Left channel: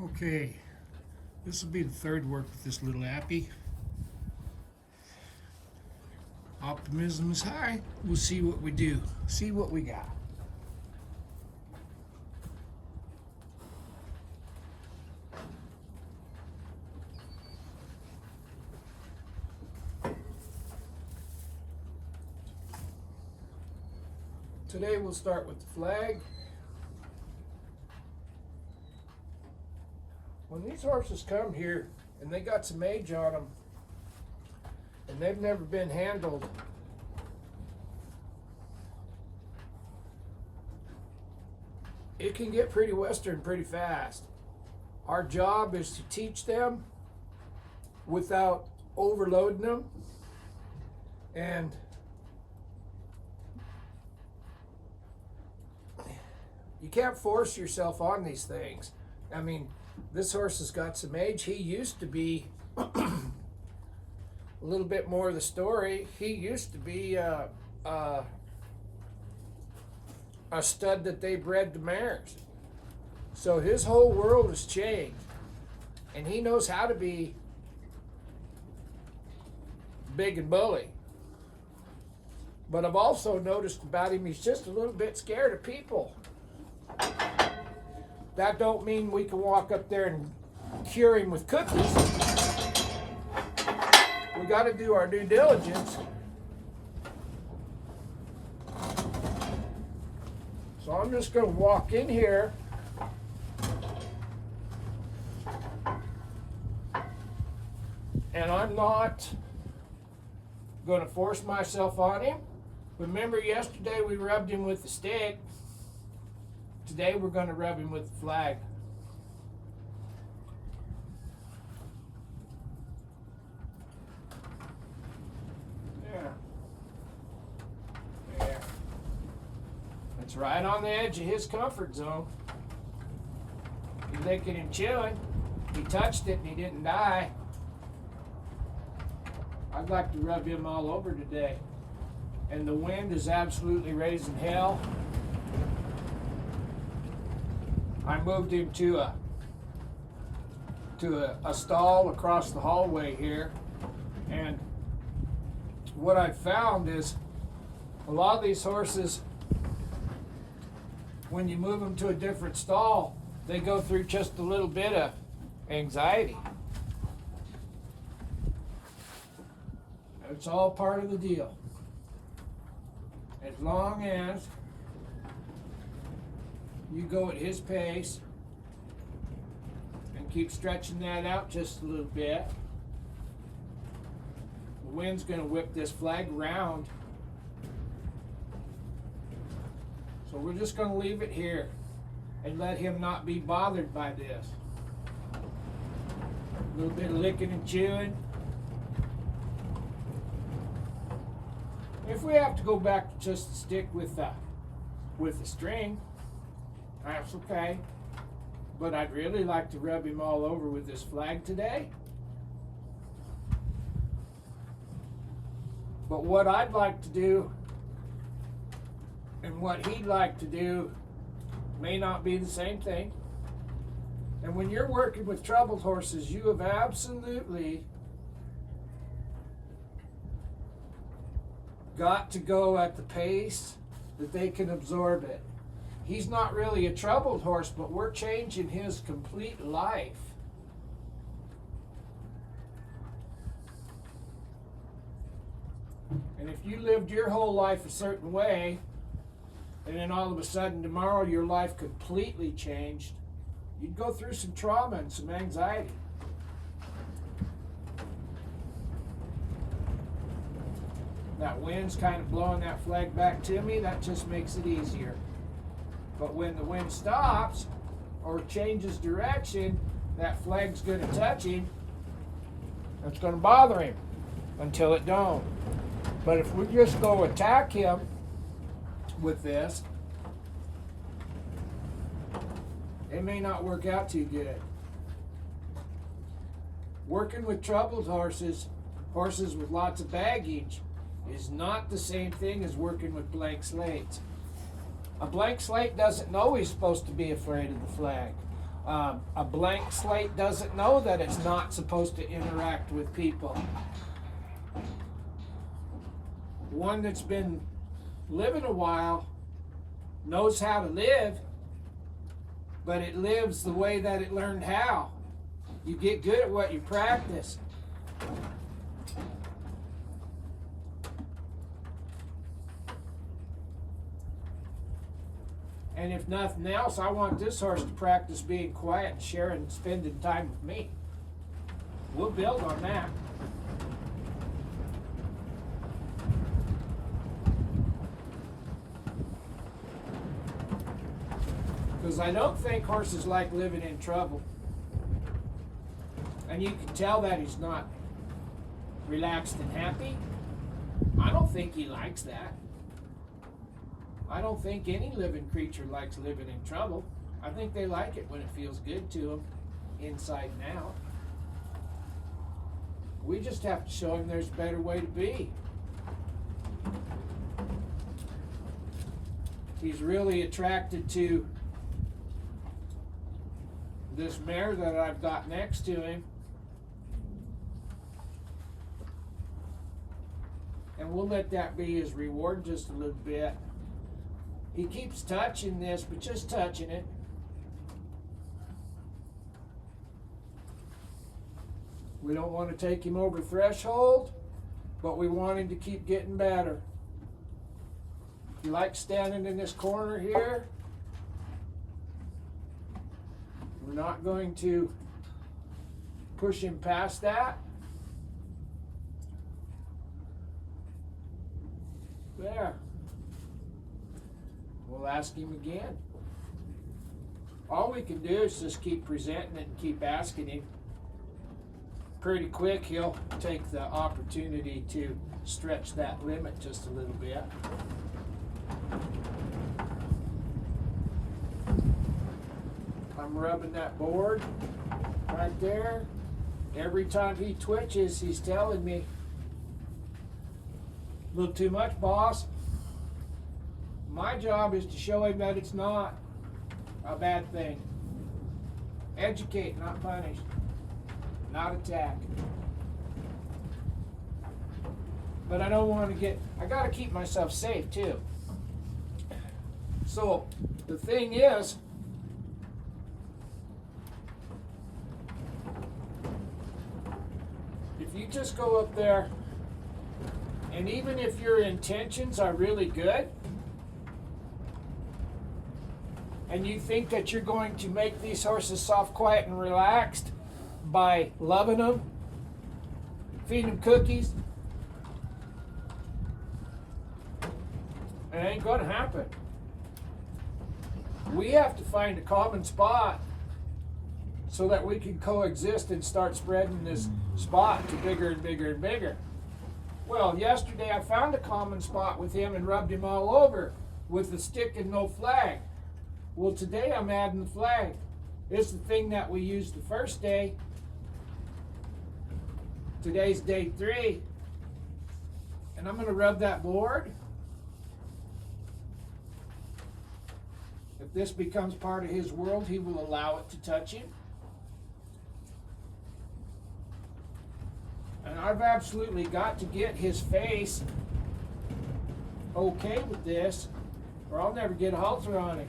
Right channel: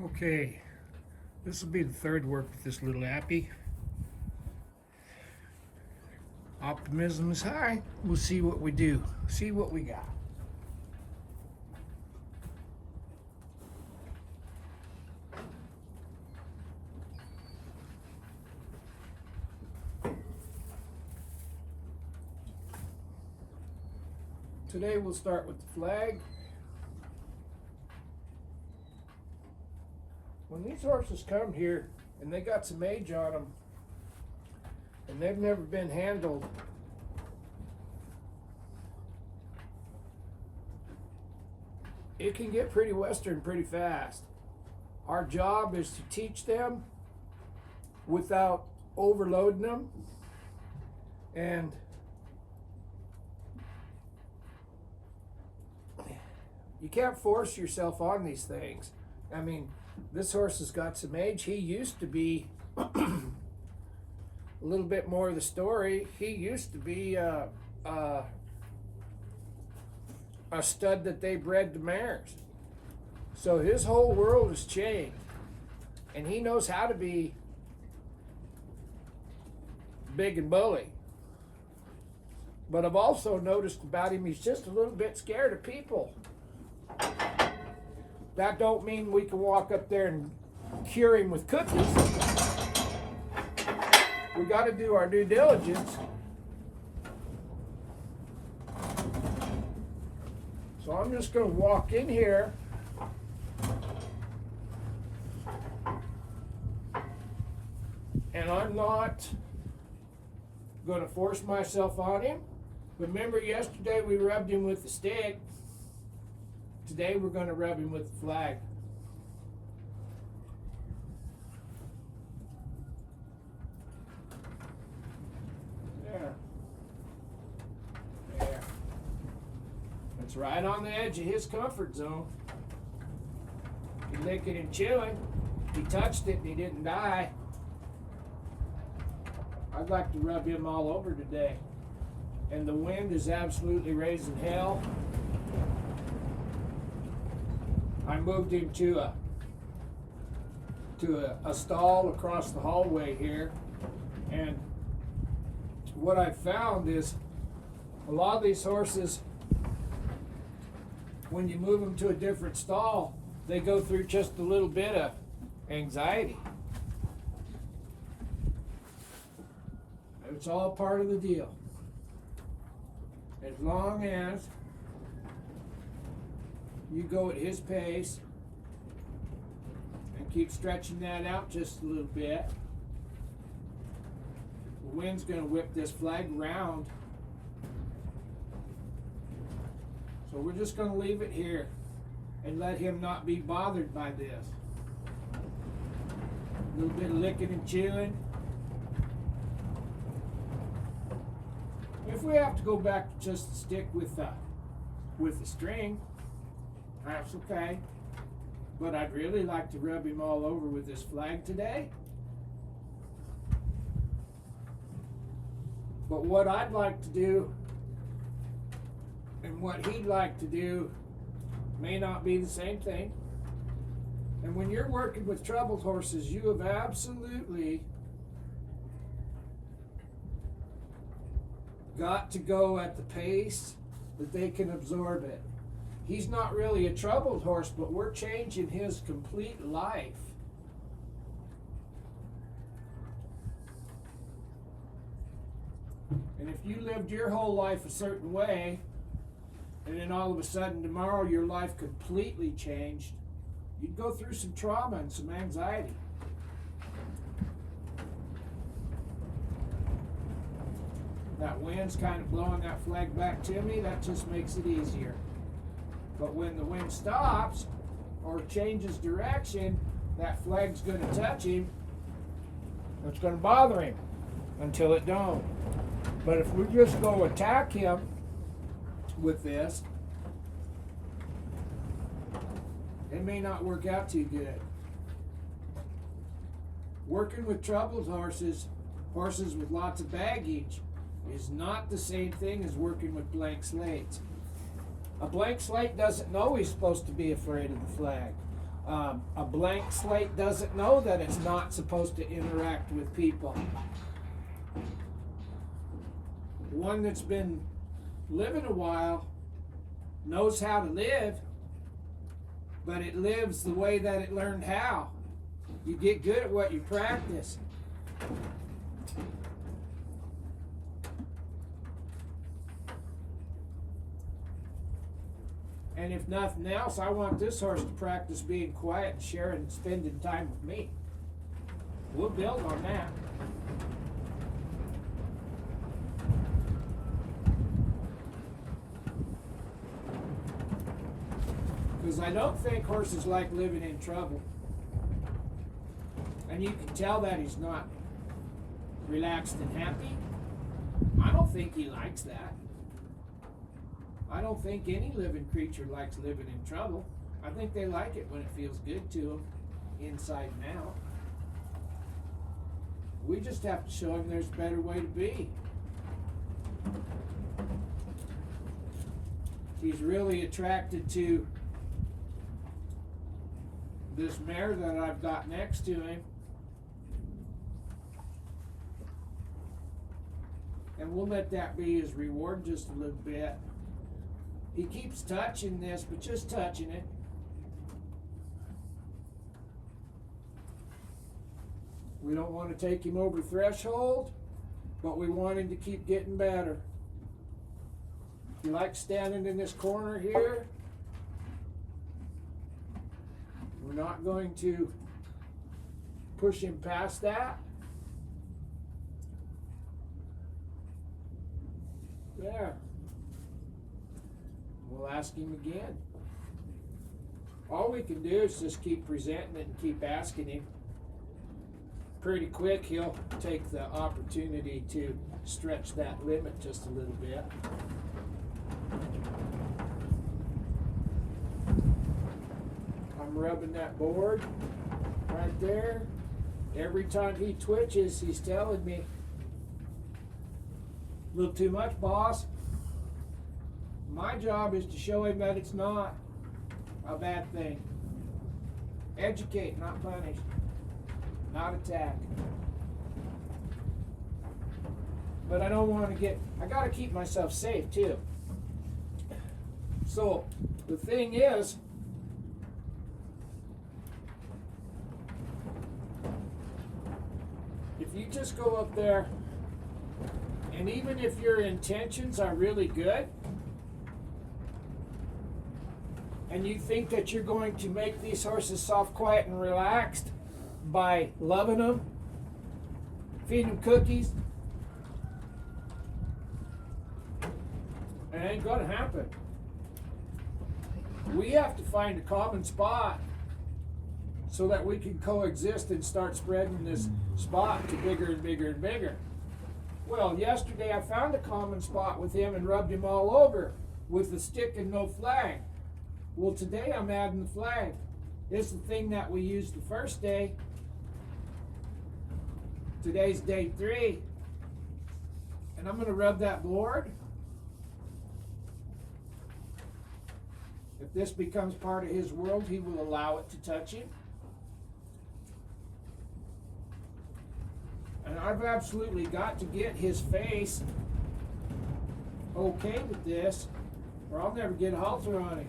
Okay, this will be the third work with this little appy. Optimism is high. We'll see what we do. See what we got. Today we'll start with the flag. When these horses come here and they got some age on them and they've never been handled, it can get pretty western pretty fast. Our job is to teach them without overloading them, and you can't force yourself on these things. I mean, this horse has got some age. He used to be a little bit more of the story. He used to be a stud that they bred to mares. So his whole world has changed, and he knows how to be big and bully. But I've also noticed about him, he's just a little bit scared of people. That don't mean we can walk up there and cure him with cookies. We got to do our due diligence. So I'm just going to walk in here. And I'm not going to force myself on him. Remember yesterday we rubbed him with the stick. Today we're going to rub him with the flag. There. There. It's right on the edge of his comfort zone. He's licking and chewing. He touched it and he didn't die. I'd like to rub him all over today. And the wind is absolutely raising hell. I moved him to a stall across the hallway here, and what I found is a lot of these horses, when you move them to a different stall, they go through just a little bit of anxiety. It's all part of the deal. As long as you go at his pace and keep stretching that out just a little bit, the wind's going to whip this flag around. So we're just going to leave it here and let him not be bothered by this. A little bit of licking and chewing. If we have to go back to just the stick with the string, that's okay. But I'd really like to rub him all over with this flag today. But what I'd like to do and what he'd like to do may not be the same thing. And when you're working with troubled horses, you have absolutely got to go at the pace that they can absorb it. He's not really a troubled horse, but we're changing his complete life. And if you lived your whole life a certain way, and then all of a sudden tomorrow your life completely changed, you'd go through some trauma and some anxiety. That wind's kind of blowing that flag back to me. That just makes it easier. But when the wind stops or changes direction, that flag's going to touch him. It's going to bother him until it don't. But if we just go attack him with this, it may not work out too good. Working with troubled horses, horses with lots of baggage, is not the same thing as working with blank slates. A blank slate doesn't know he's supposed to be afraid of the flag. A blank slate doesn't know that it's not supposed to interact with people. One that's been living a while knows how to live, but it lives the way that it learned how. You get good at what you practice. And if nothing else, I want this horse to practice being quiet and sharing, spending time with me. We'll build on that. Because I don't think horses like living in trouble. And you can tell that he's not relaxed and happy. I don't think he likes that. I don't think any living creature likes living in trouble. I think they like it when it feels good to them, inside and out. We just have to show him there's a better way to be. He's really attracted to this mare that I've got next to him. And we'll let that be his reward just a little bit. He keeps touching this, but just touching it. We don't want to take him over threshold, but we want him to keep getting better. If you like standing in this corner here, we're not going to push him past that. There. We'll ask him again. All we can do is just keep presenting it and keep asking him. Pretty quick, he'll take the opportunity to stretch that limit just a little bit. I'm rubbing that board right there. Every time he twitches, he's telling me, a little too much, boss. My job is to show him that it's not a bad thing. Educate, not punish. Not attack. But I don't want to get, I got to keep myself safe too. So the thing is, if you just go up there, and even if your intentions are really good, and you think that you're going to make these horses soft, quiet, and relaxed by loving them, feeding them cookies, it ain't gonna happen. We have to find a common spot so that we can coexist and start spreading this spot to bigger and bigger and bigger. Well, yesterday I found a common spot with him and rubbed him all over with a stick and no flag. Well, today I'm adding the flag. It's the thing that we used the first day. Today's day 3. And I'm going to rub that board. If this becomes part of his world, he will allow it to touch him. And I've absolutely got to get his face okay with this, or I'll never get a halter on him.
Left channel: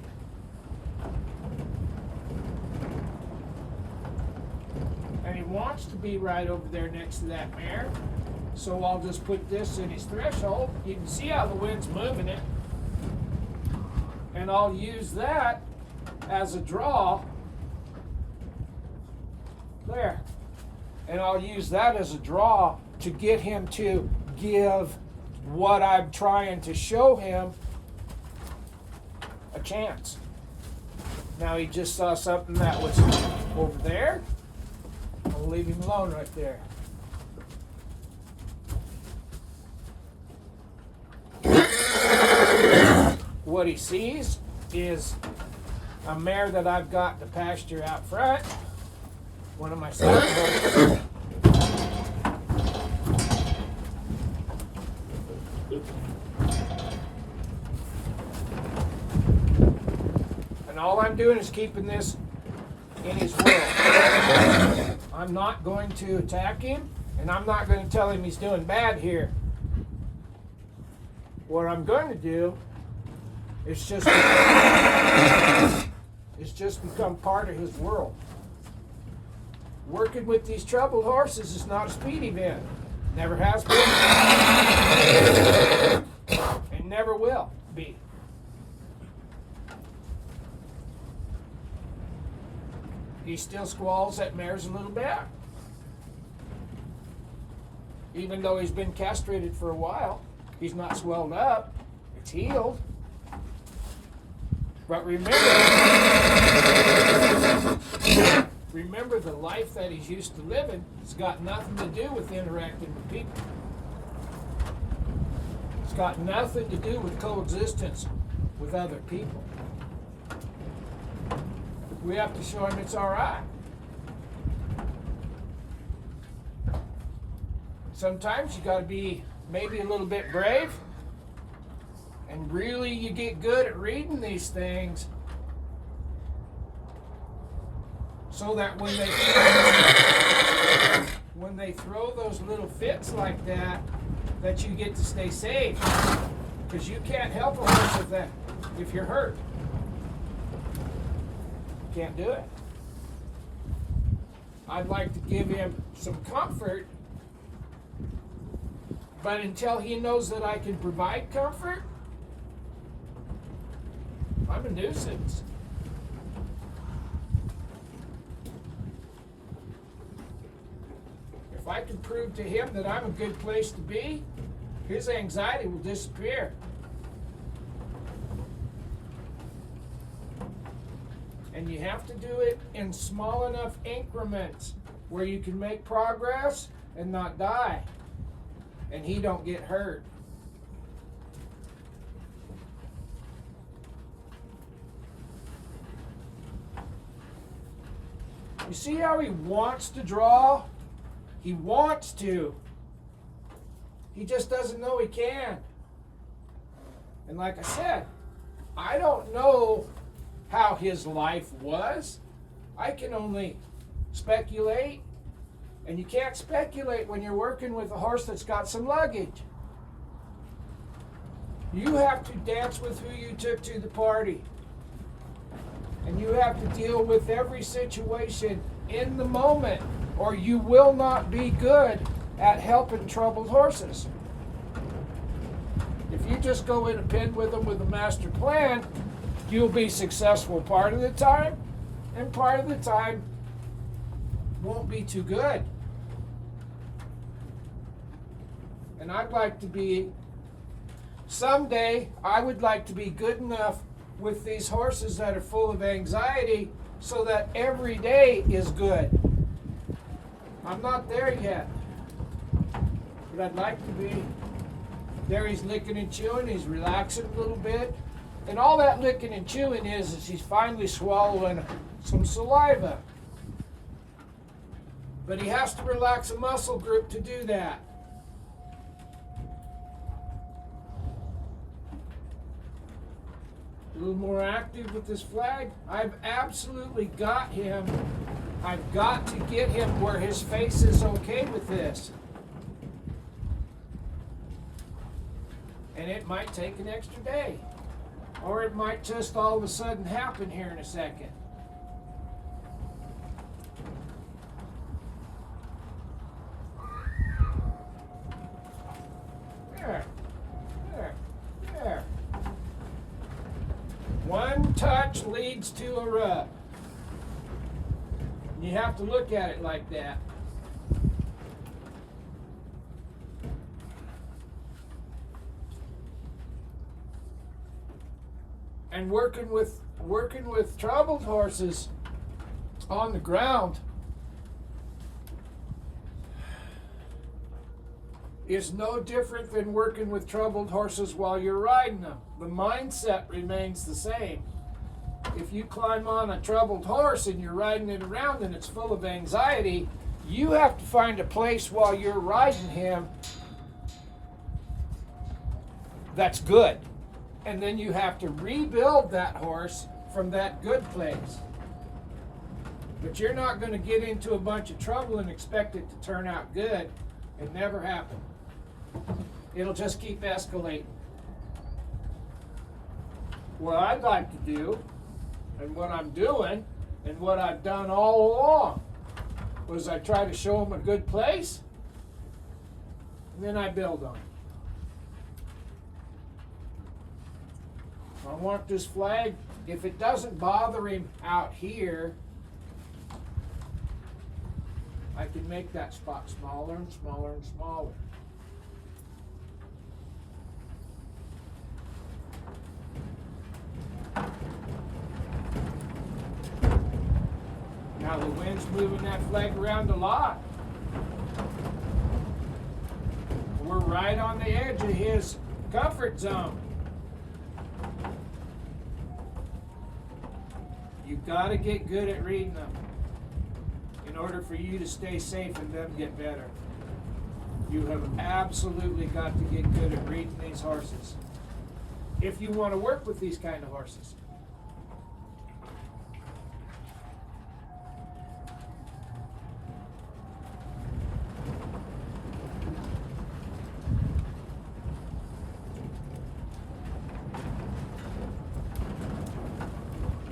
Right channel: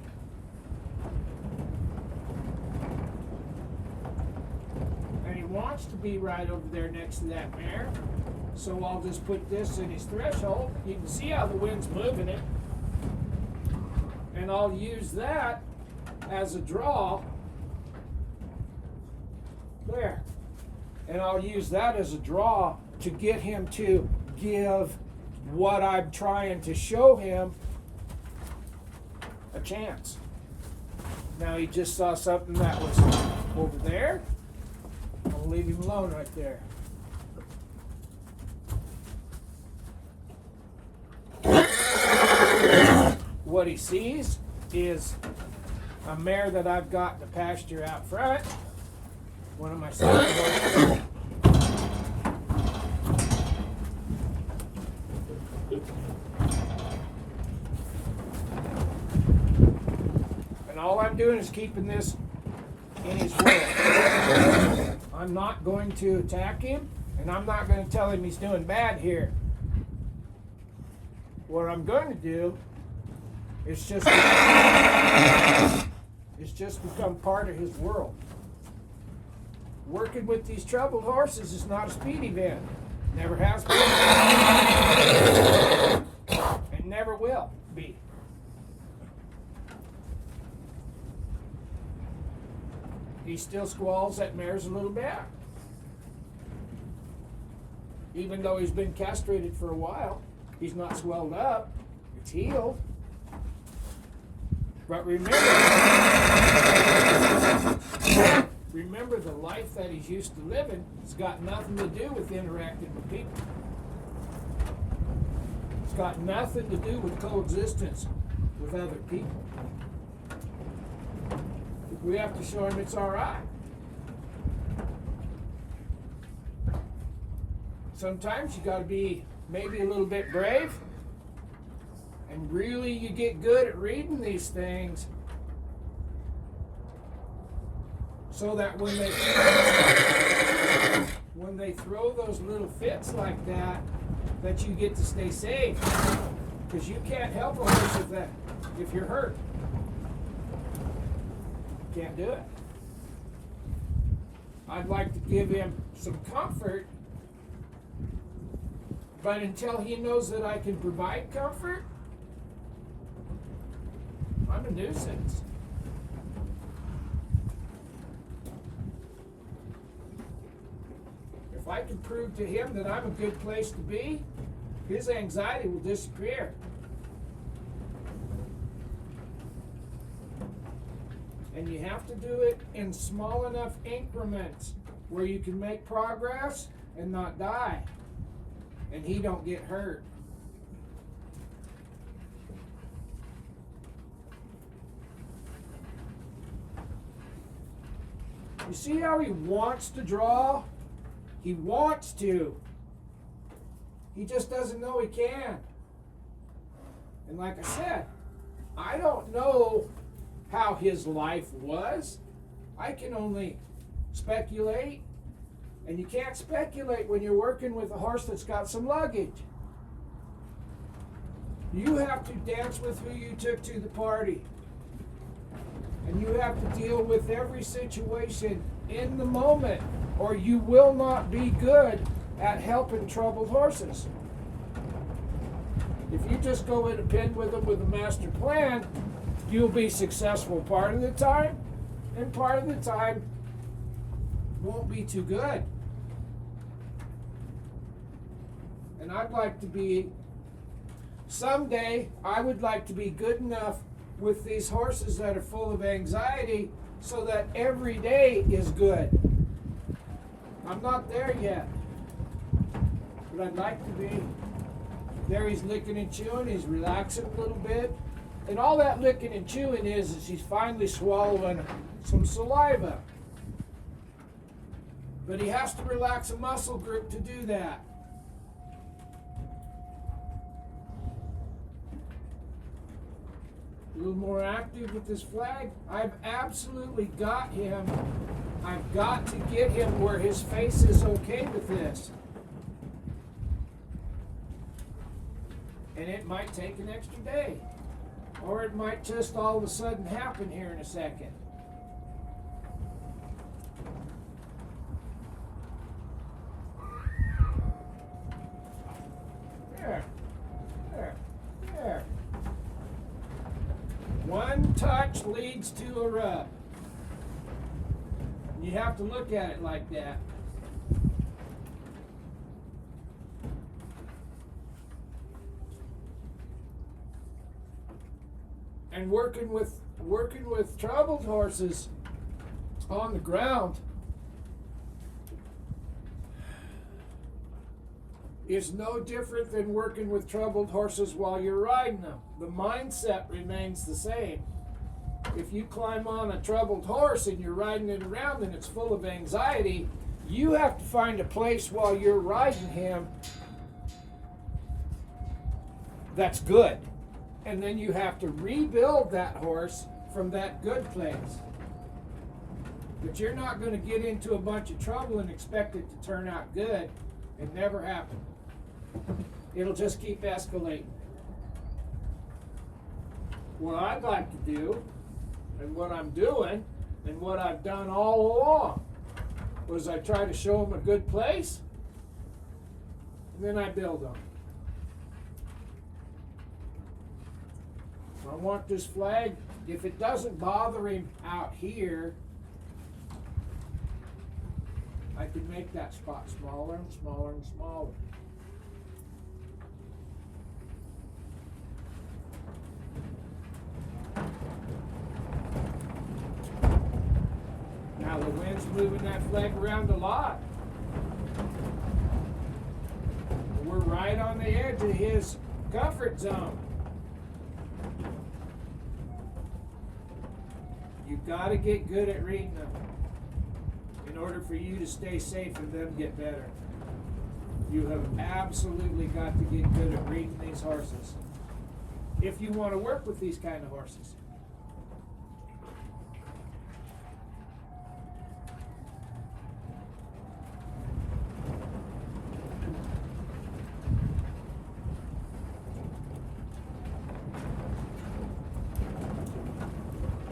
And he wants to be right over there next to that mare. So I'll just put this in his threshold. You can see how the wind's moving it. And I'll use that as a draw. There. And I'll use that as a draw to get him to give what I'm trying to show him a chance. Now he just saw something that was over there. I'll leave him alone right there. What he sees is a mare that I've got in the pasture out front. One of my horses. And all I'm doing is keeping this in his world. I'm not going to attack him, and I'm not going to tell him he's doing bad here. What I'm going to do is just become part of his world. Working with these troubled horses is not a speed event. Never has been. And never will be. He still squalls at mares a little bit. Even though he's been castrated for a while, he's not swelled up. It's healed. But remember the life that he's used to living has got nothing to do with interacting with people. It's got nothing to do with coexistence with other people. We have to show him it's all right. Sometimes you got to be maybe a little bit brave, and really you get good at reading these things so that when they throw those little fits like that you get to stay safe, because you can't help a horse with that if you're hurt. Can't do it. I'd like to give him some comfort, but until he knows that I can provide comfort, I'm a nuisance. If I can prove to him that I'm a good place to be, his anxiety will disappear. And you have to do it in small enough increments where you can make progress and not die, and he don't get hurt. You see how he wants to draw? He wants to. He just doesn't know he can. And like I said, I don't know how his life was. I can only speculate, and you can't speculate when you're working with a horse that's got some luggage. You have to dance with who you took to the party, and you have to deal with every situation in the moment, or you will not be good at helping troubled horses. If you just go in a pen with them with a master plan, you'll be successful part of the time, and part of the time won't be too good. And I'd like to be, someday, I would like to be good enough with these horses that are full of anxiety so that every day is good. I'm not there yet, but I'd like to be. There he's licking and chewing, he's relaxing a little bit. And all that licking and chewing is he's finally swallowing some saliva. But he has to relax a muscle group to do that. A little more active with this flag. I've absolutely got him. I've got to get him where his face is okay with this. And it might take an extra day. Or it might just all of a sudden happen here in a second. There. There. There. One touch leads to a rub. You have to look at it like that. And working with troubled horses on the ground is no different than working with troubled horses while you're riding them. The mindset remains the same. If you climb on a troubled horse and you're riding it around and it's full of anxiety, you have to find a place while you're riding him that's good. And then you have to rebuild that horse from that good place. But you're not going to get into a bunch of trouble and expect it to turn out good. It never happens. It'll just keep escalating. What I'd like to do, and what I'm doing, and what I've done all along, was I try to show them a good place, and then I build on it. I want this flag, if it doesn't bother him out here, I can make that spot smaller and smaller and smaller. Now the wind's moving that flag around a lot. We're right on the edge of his comfort zone. You've got to get good at reading them in order for you to stay safe and them get better. You have absolutely got to get good at reading these horses if you want to work with these kind of horses.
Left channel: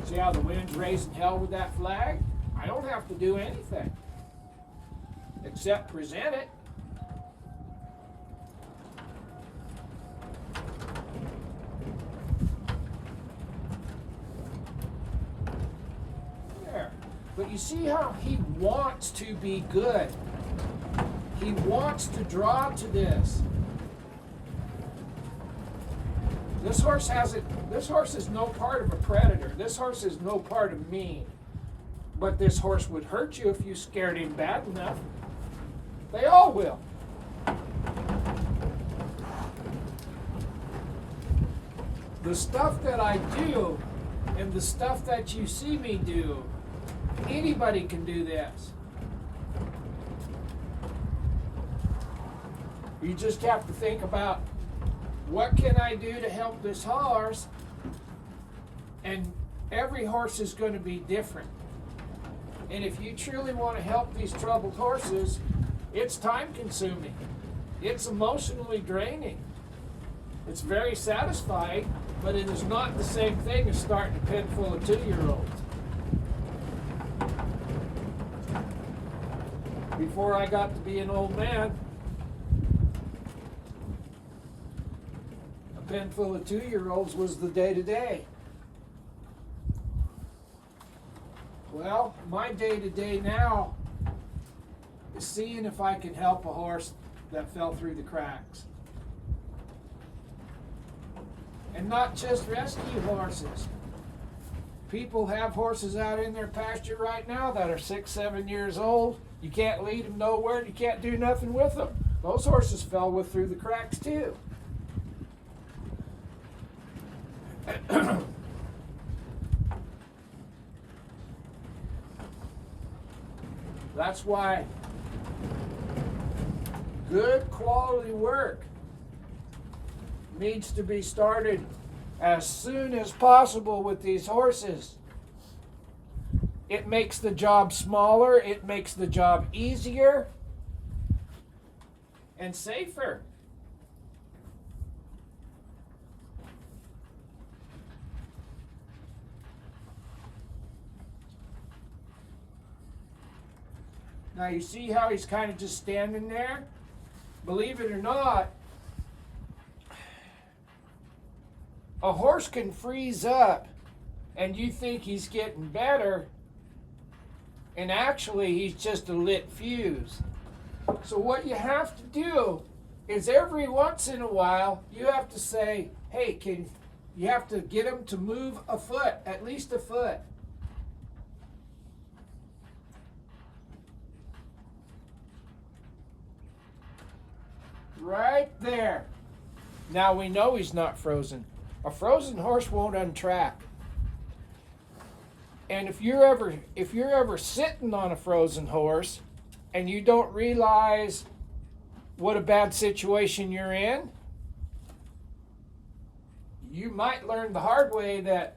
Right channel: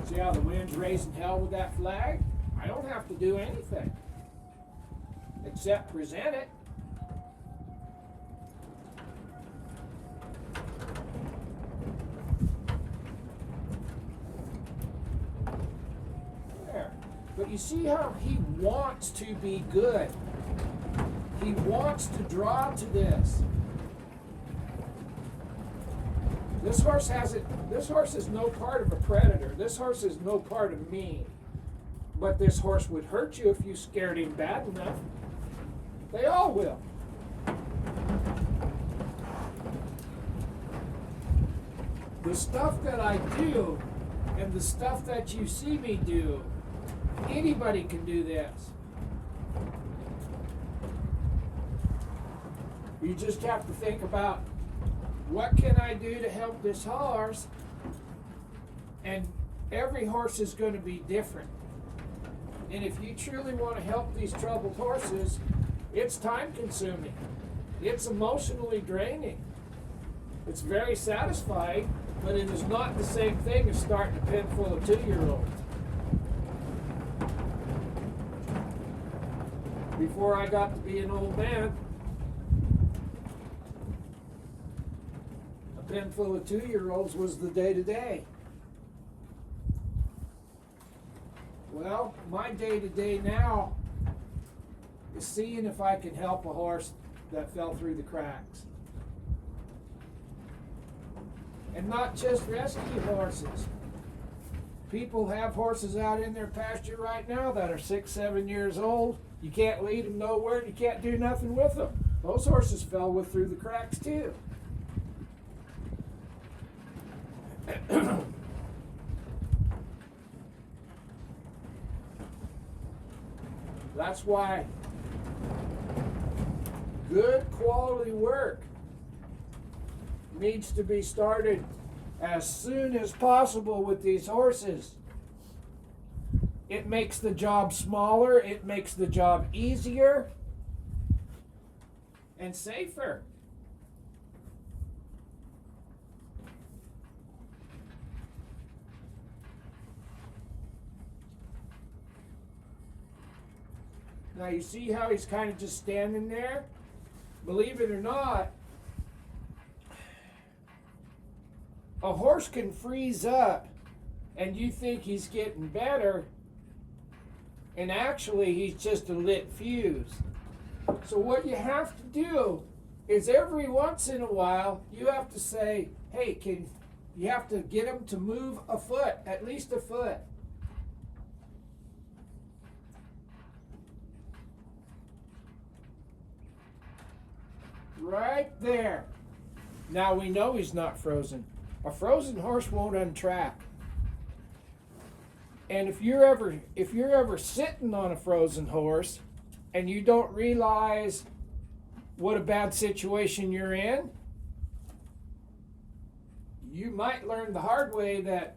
See how the wind's raising hell with that flag? I don't have to do anything except present it. There. But you see how he wants to be good. He wants to draw to this. This horse is no part of a predator. This horse is no part of me. But this horse would hurt you if you scared him bad enough. They all will. The stuff that I do and the stuff that you see me do, anybody can do this. You just have to think about, what can I do to help this horse? And every horse is going to be different. And if you truly want to help these troubled horses, it's time consuming. It's emotionally draining. It's very satisfying, but it is not the same thing as starting a pen full of 2-year-olds. Before I got to be an old man, pen full of 2-year-olds was the day-to-day. Well, my day-to-day now is seeing if I can help a horse that fell through the cracks. And not just rescue horses. People have horses out in their pasture right now that are 6, 7 years old. You can't lead them nowhere, you can't do nothing with them. Those horses fell through the cracks too. That's why good quality work needs to be started as soon as possible with these horses. It makes the job smaller, it makes the job easier and safer. Now you see how he's kind of just standing there? Believe it or not, a horse can freeze up and you think he's getting better, and actually he's just a lit fuse. So what you have to do is every once in a while you have to say, hey, you have to get him to move a foot, at least a foot. Right there. Now we know he's not frozen. A frozen horse won't untrack. And if you're ever sitting on a frozen horse and you don't realize what a bad situation you're in, you might learn the hard way that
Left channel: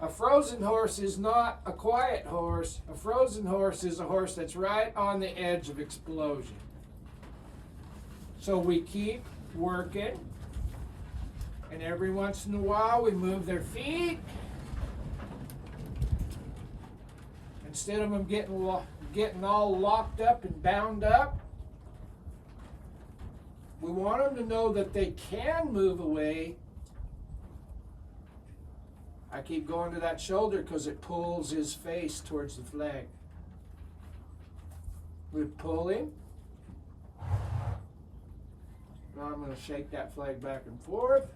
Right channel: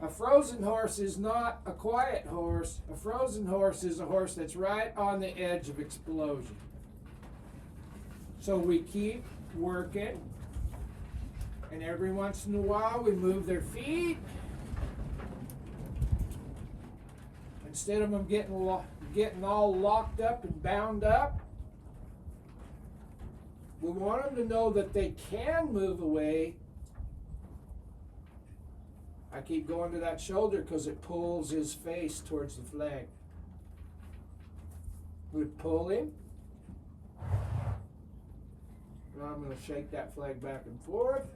A frozen horse is not a quiet horse. A frozen horse is a horse that's right on the edge of explosion. So we keep working, and every once in a while we move their feet. Instead of them getting all locked up and bound up, we want them to know that they can move away. I keep going to that shoulder because it pulls his face towards the flag. We pull him. Now I'm going to shake that flag back and forth.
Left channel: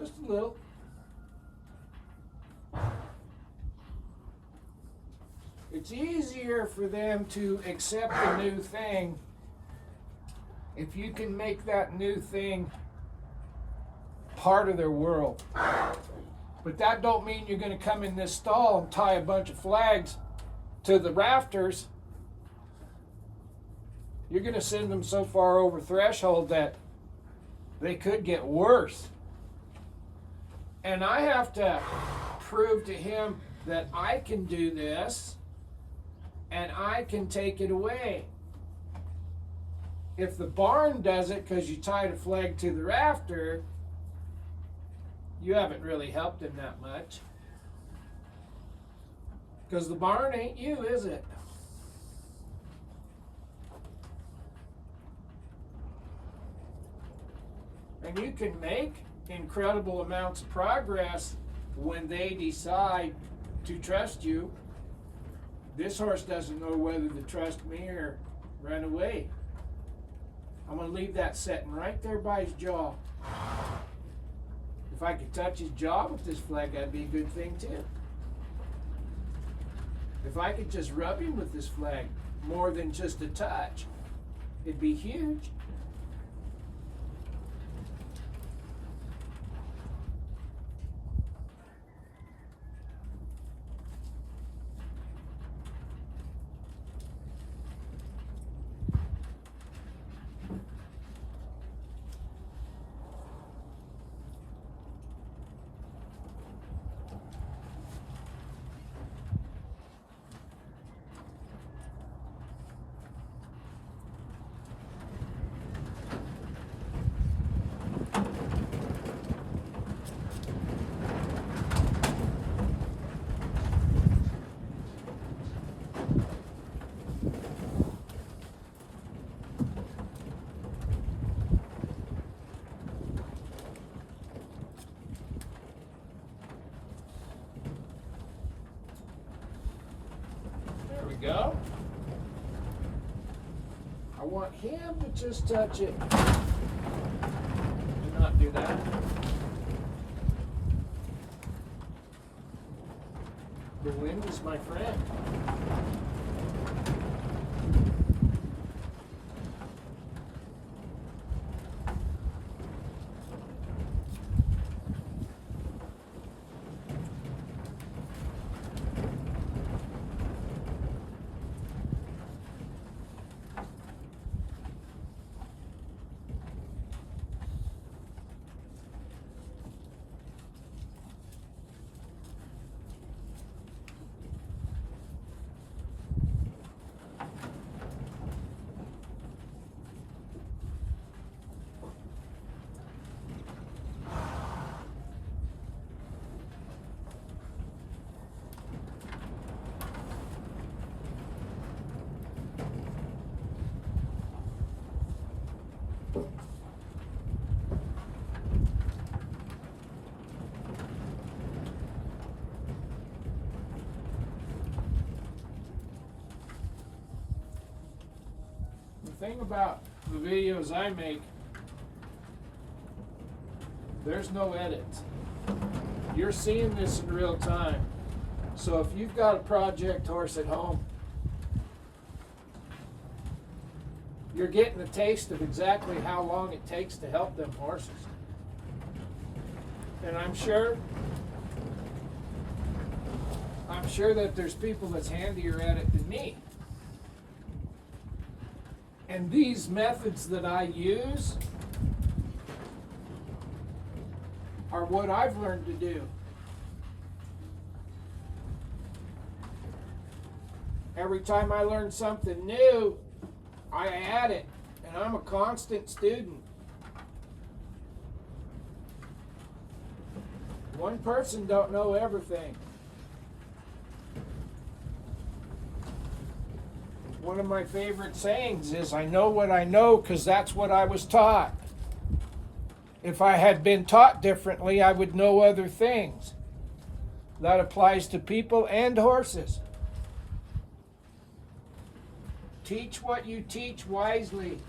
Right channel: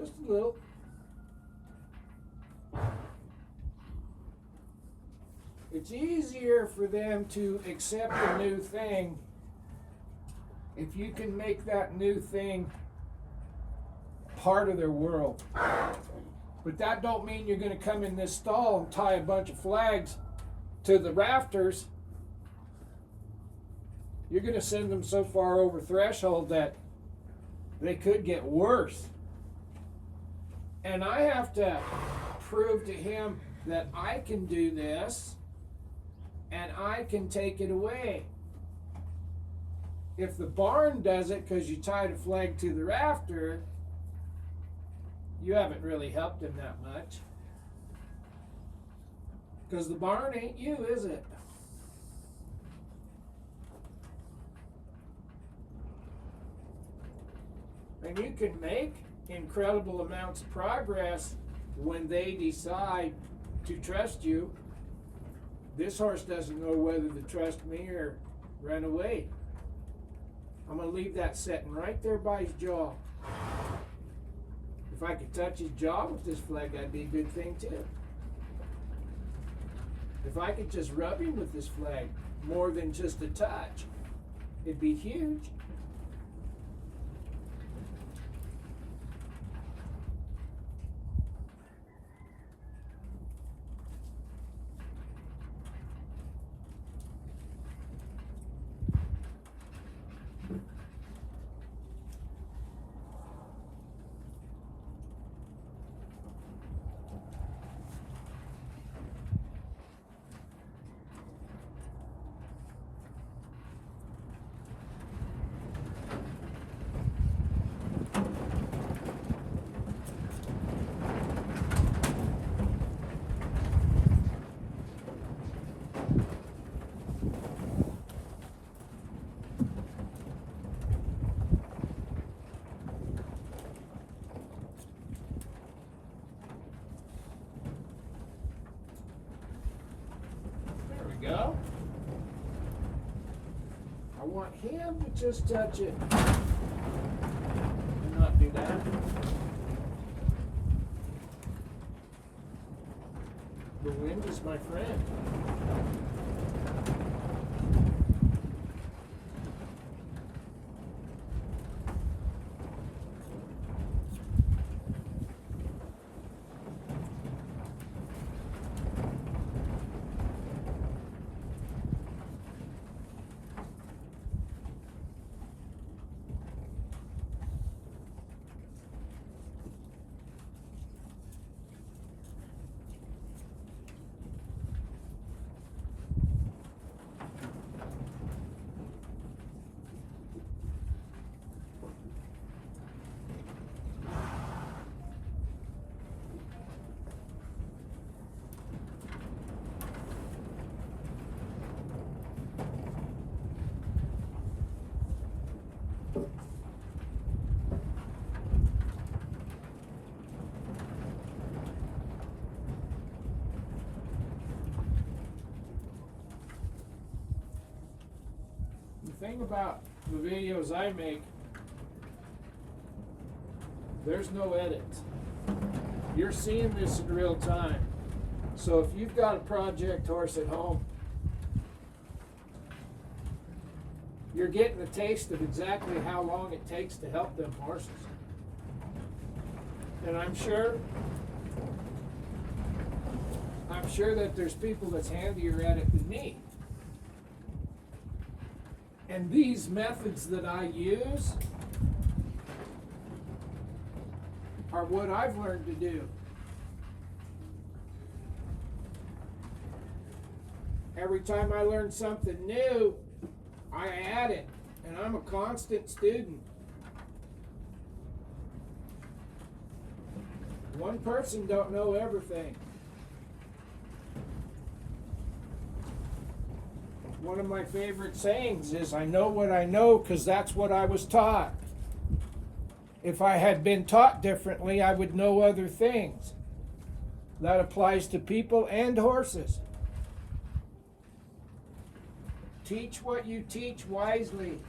Just a little. It's easier for them to accept a new thing if you can make that new thing part of their world. But that don't mean you're going to come in this stall and tie a bunch of flags to the rafters. You're going to send them so far over threshold that they could get worse. And I have to prove to him that I can do this and I can take it away. If the barn does it because you tied a flag to the rafter, you haven't really helped him that much. Because the barn ain't you, is it? And you can make incredible amounts of progress when they decide to trust you. This horse doesn't know whether to trust me or run away. I'm going to leave that sitting right there by his jaw. If I could touch his jaw with this flag, that'd be a good thing too. If I could just rub him with this flag, more than just a touch, it'd be huge. Go. I want him to just touch it. Do not do that. The wind is my friend. The thing about the videos I make, there's no edits. You're seeing this in real time. So if you've got a project horse at home, you're getting a taste of exactly how long it takes to help them horses. And I'm sure that there's people that's handier at it than me. And these methods that I use are what I've learned to do. Every time I learn something new, I add it, and I'm a constant student. One person don't know everything. One of my favorite sayings is, I know what I know because that's what I was taught. If I had been taught differently, I would know other things. That applies to people and horses. Teach what you teach wisely.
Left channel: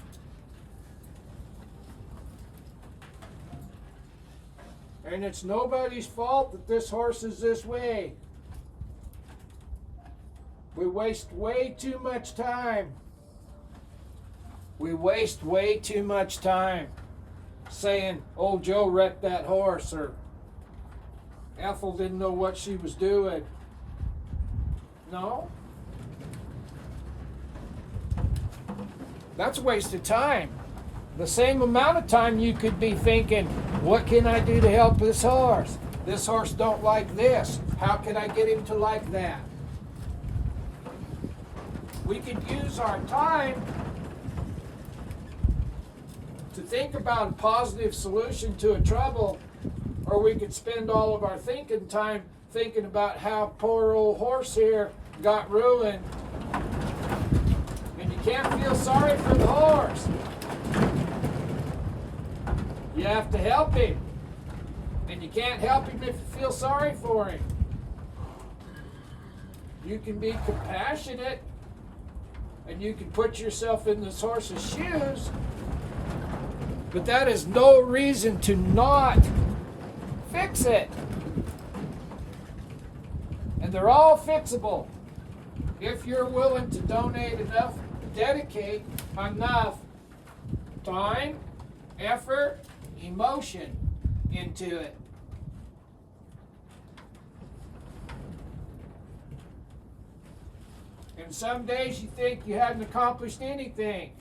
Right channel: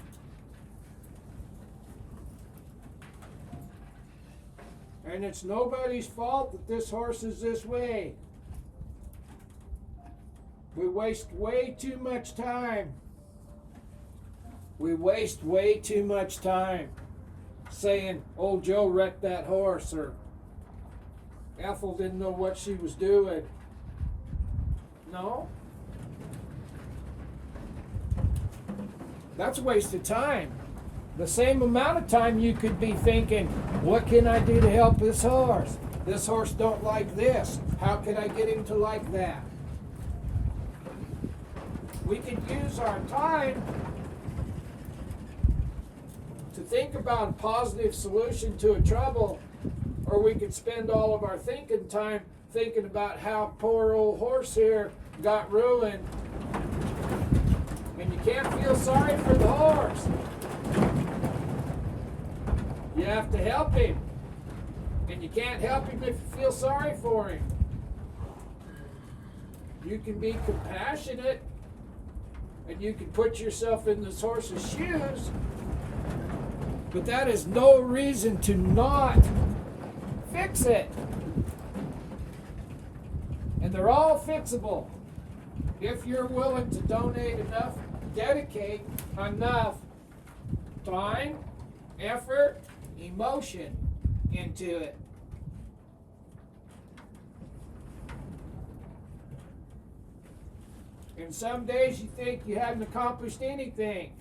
And it's nobody's fault that this horse is this way. We waste way too much time. We waste way too much time saying, oh, Joe wrecked that horse, or Ethel didn't know what she was doing. No. That's a waste of time. The same amount of time you could be thinking, what can I do to help this horse? This horse don't like this. How can I get him to like that? We could use our time to think about a positive solution to a trouble, or we could spend all of our thinking time thinking about how poor old horse here got ruined. And you can't feel sorry for the horse. You have to help him. And you can't help him if you feel sorry for him. You can be compassionate, and you can put yourself in this horse's shoes, but that is no reason to not fix it. And they're all fixable if you're willing to donate enough, dedicate enough time, effort, emotion into it. And some days you think you haven't accomplished anything.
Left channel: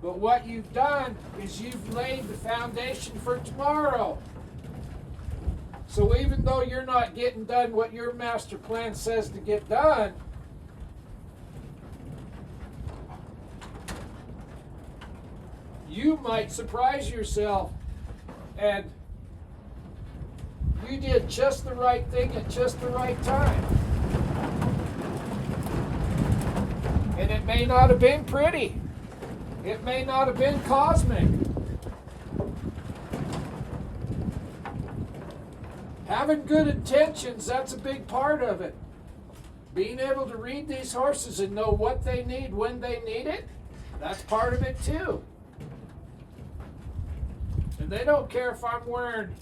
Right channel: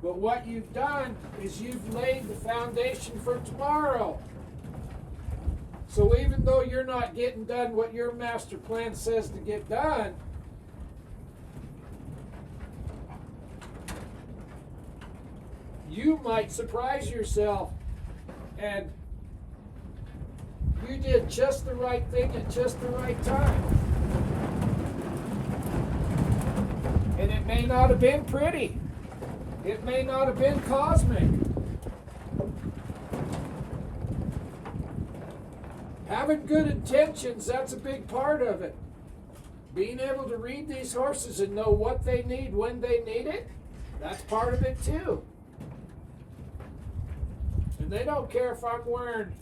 But what you've done is you've laid the foundation for tomorrow. So even though you're not getting done what your master plan says to get done, you might surprise yourself, and you did just the right thing at just the right time. And it may not have been pretty. It may not have been cosmic. Having good intentions, that's a big part of it. Being able to read these horses and know what they need when they need it, that's part of it too. And they don't care if I'm wearing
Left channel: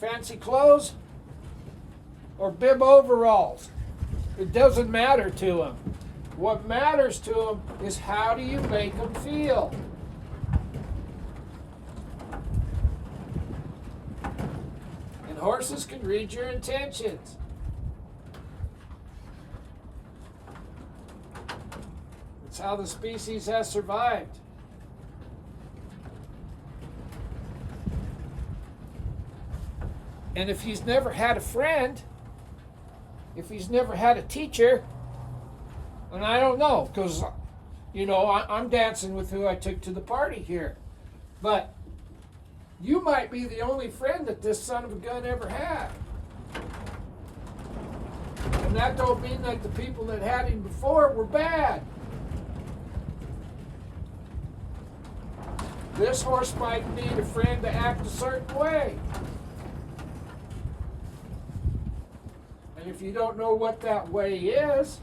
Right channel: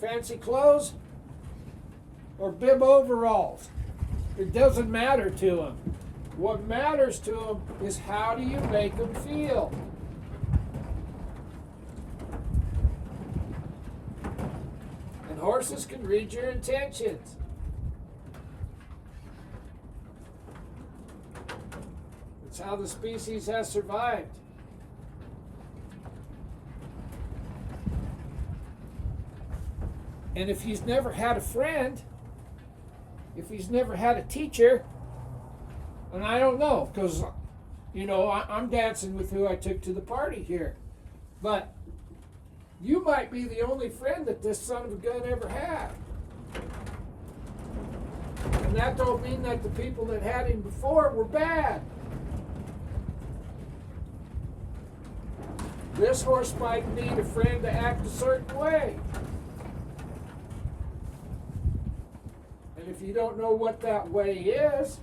fancy clothes or bib overalls. It doesn't matter to them. What matters to them is how do you make them feel? And horses can read your intentions. That's how the species has survived. And if he's never had a friend, if he's never had a teacher, and I don't know, because, you know, I'm dancing with who I took to the party here. But you might be the only friend that this son of a gun ever had. And that don't mean that the people that had him before were bad. This horse might need a friend to act a certain way. And if you don't know what that way is,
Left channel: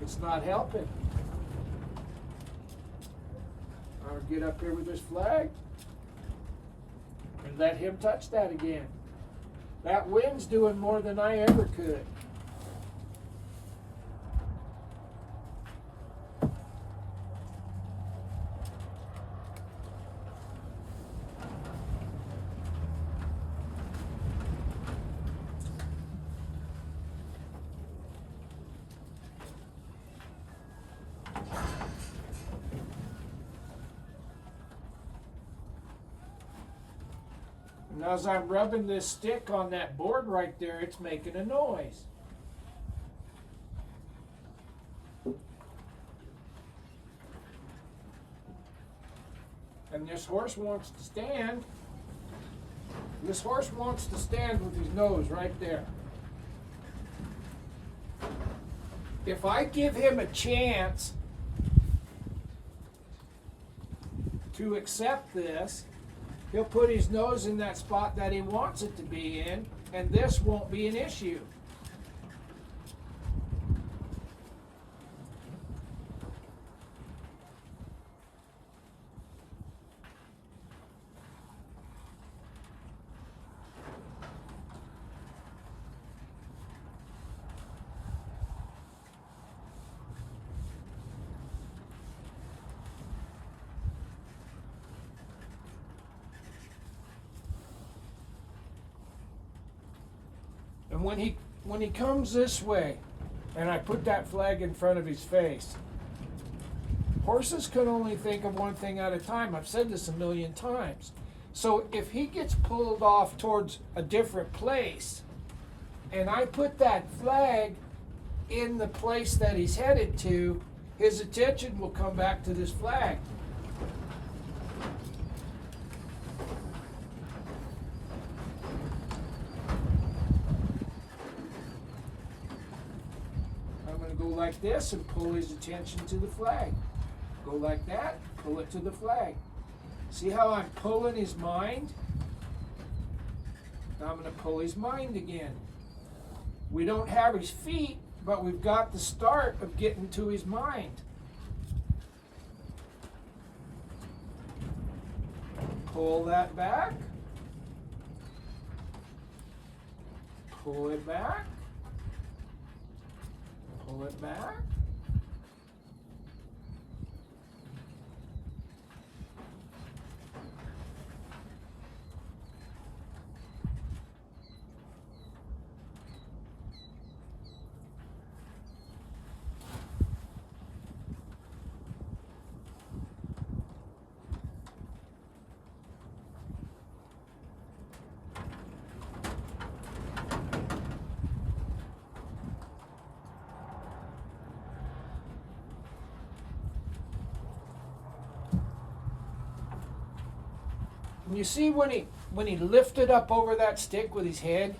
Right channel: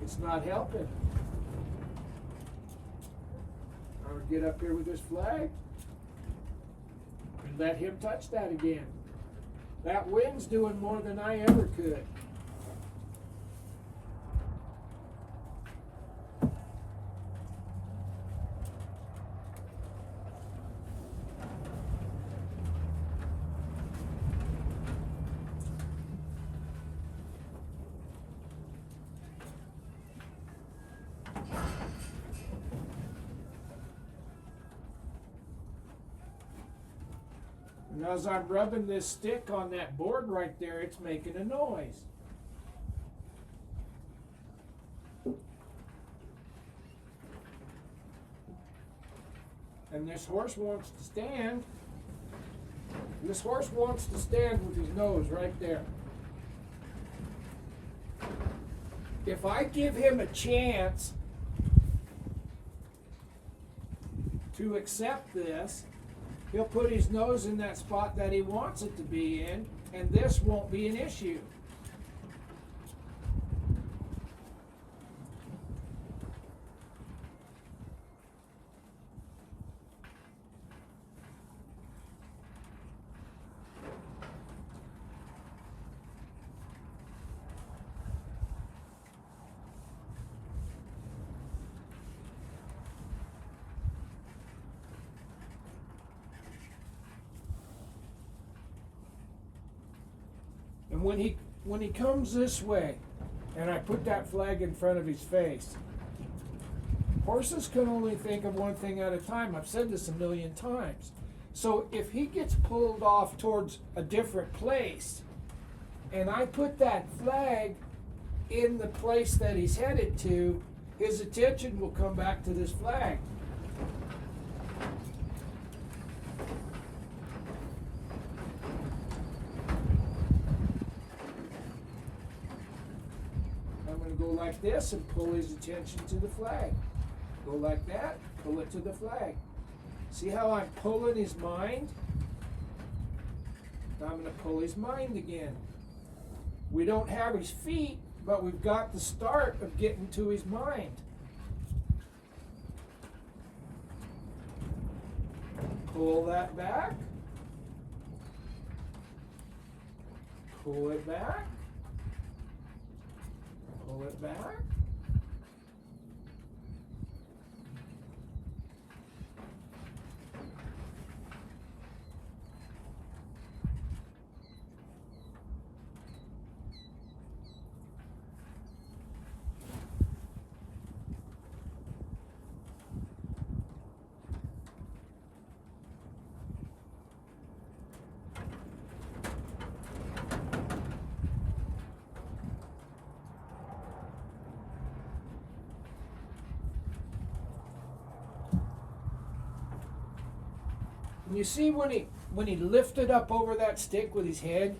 it's not helping. I'll get up here with this flag and let him touch that again. That wind's doing more than I ever could. And as I'm rubbing this stick on that board right there, it's making a noise. and this horse wants to stand. This horse wants to stand with his nose right there. If I give him a chance to accept this, he'll put his nose in that spot that he wants it to be in, and this won't be an issue. And when he comes this way, and I put that flag in front of his face, horses can only think of one thing at a time. I've said this a million times. So if he gets pulled off towards a different place, and I put that flag in the place that he's headed to, his attention will come back to this flag. Go like this and pull his attention to the flag. Go like that, pull it to the flag. See how I'm pulling his mind? Now I'm going to pull his mind again. We don't have his feet, but we've got the start of getting to his mind. Pull that back. Pull it back. Pull it back. You see when he lifted up over that stick with his head,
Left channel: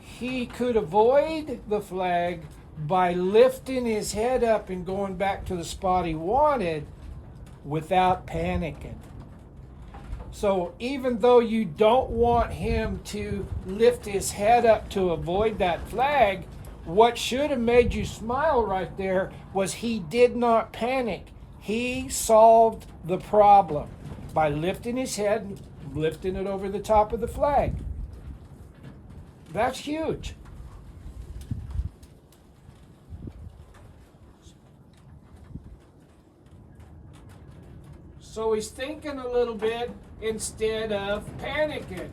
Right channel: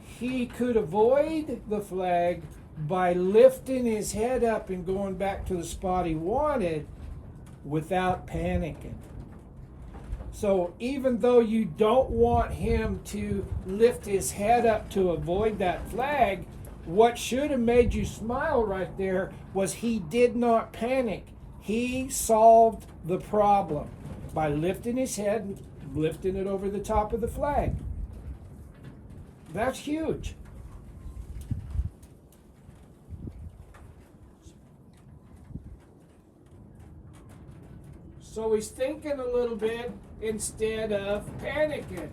he could avoid the flag by lifting his head up and going back to the spot he wanted without panicking. So even though you don't want him to lift his head up to avoid that flag, what should have made you smile right there was he did not panic. He solved the problem by lifting his head and lifting it over the top of the flag. That's huge. So he's thinking a little bit instead of panicking.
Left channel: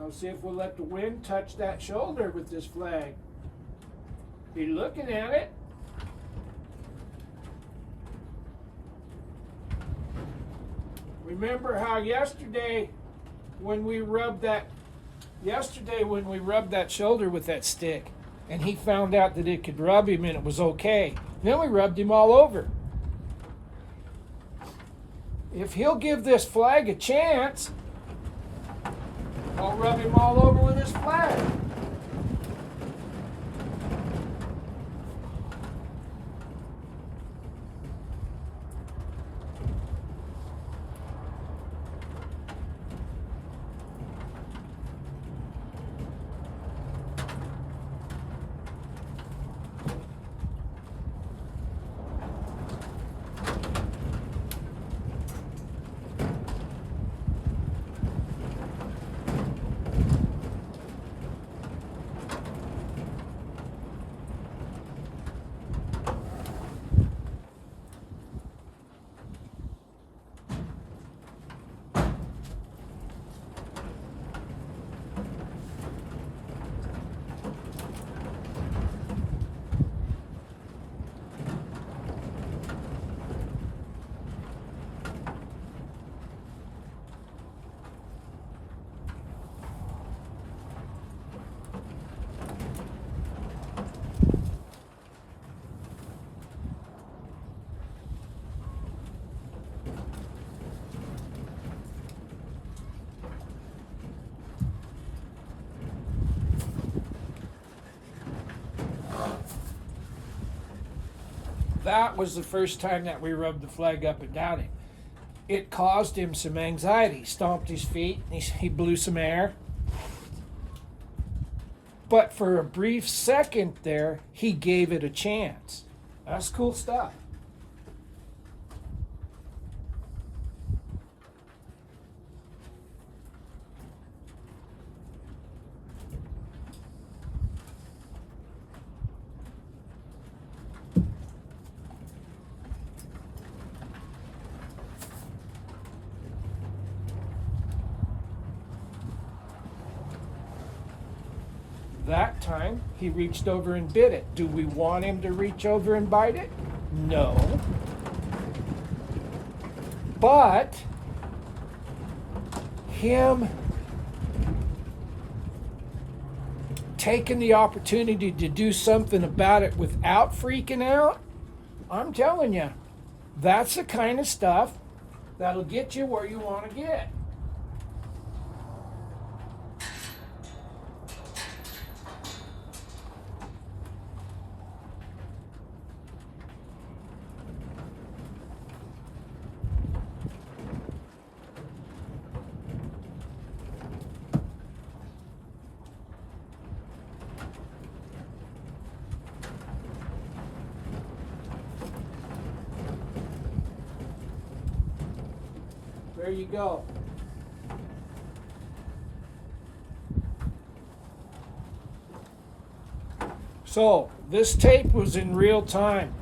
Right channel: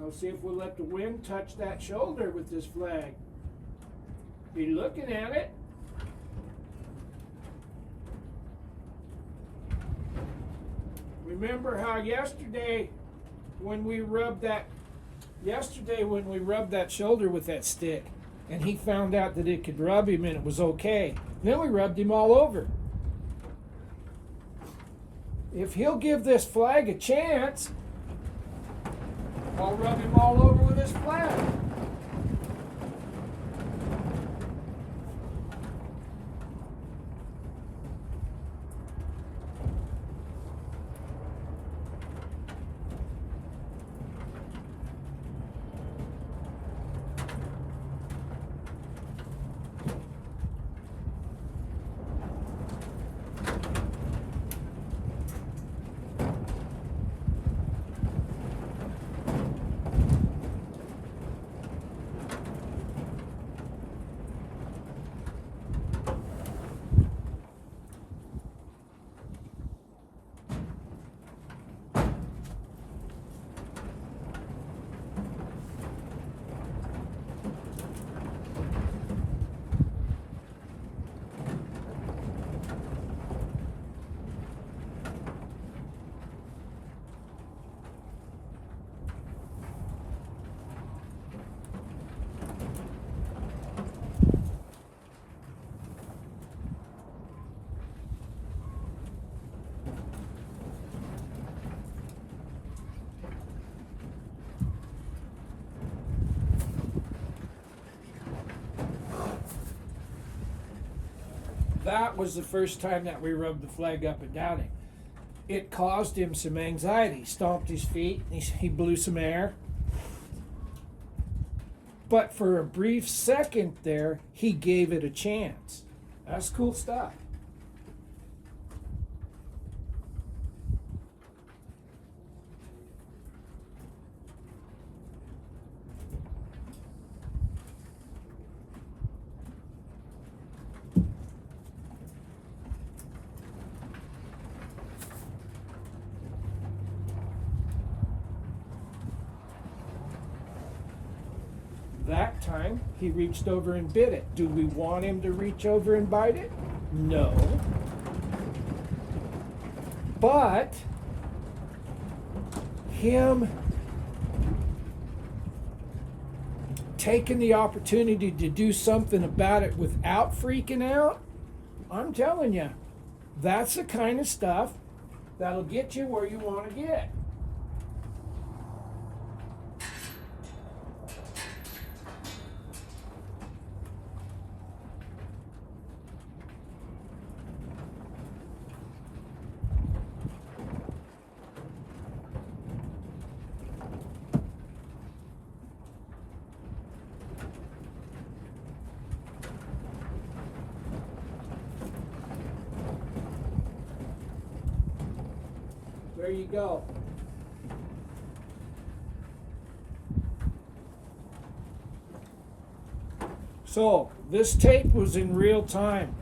Now see if we'll let the wind touch that shoulder with this flag. Be looking at it. Remember how yesterday when we rubbed that shoulder with that stick, and he found out that it could rub him and it was okay. Then we rubbed him all over. If he'll give this flag a chance, I'll rub him all over with this flag. that was the first time that we rubbed the flag up and down him. It caused him some anxiety. He stomped his feet, he blew some air. But for a brief second there, he gave it a chance. That's cool stuff. That time, he reached over and bit it. Do we want him to reach over and bite it? No. But him taking the opportunity to do something about it without freaking out, I'm telling you, that's the kind of stuff that'll get you where you want to get. There you go. So, this tape was in real time.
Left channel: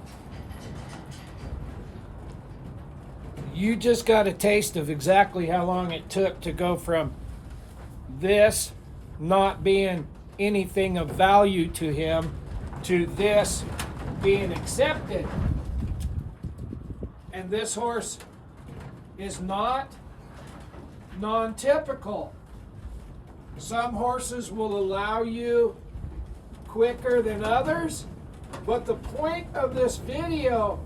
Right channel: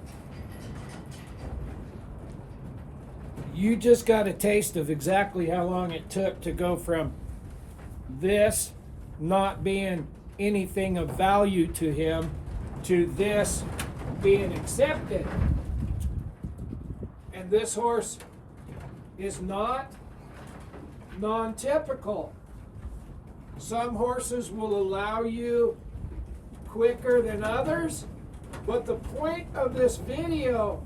You just got a taste of exactly how long it took to go from this not being anything of value to him to this being accepted. And this horse is not non-typical. Some horses will allow you quicker than others, but the point of this video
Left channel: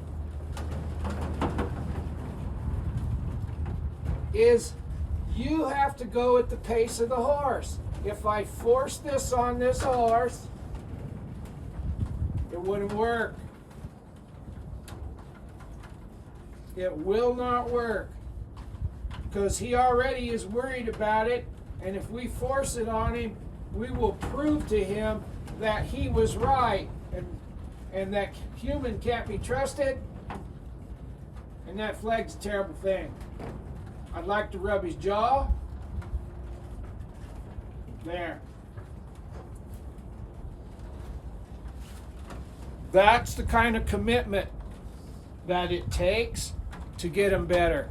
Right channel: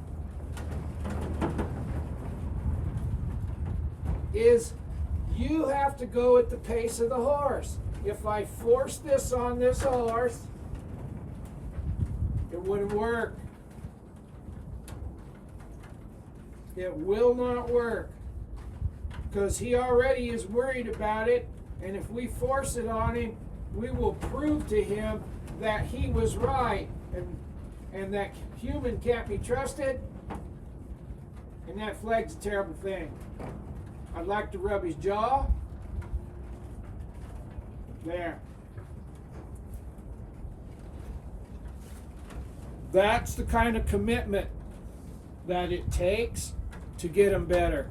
is you have to go at the pace of the horse. If I force this on this horse, it wouldn't work. It will not work, because he already is worried about it, and if we force it on him, we will prove to him that he was right, and that human can't be trusted, and that flag's a terrible thing. I'd like to rub his jaw. There. That's the kind of commitment that it takes to get him better.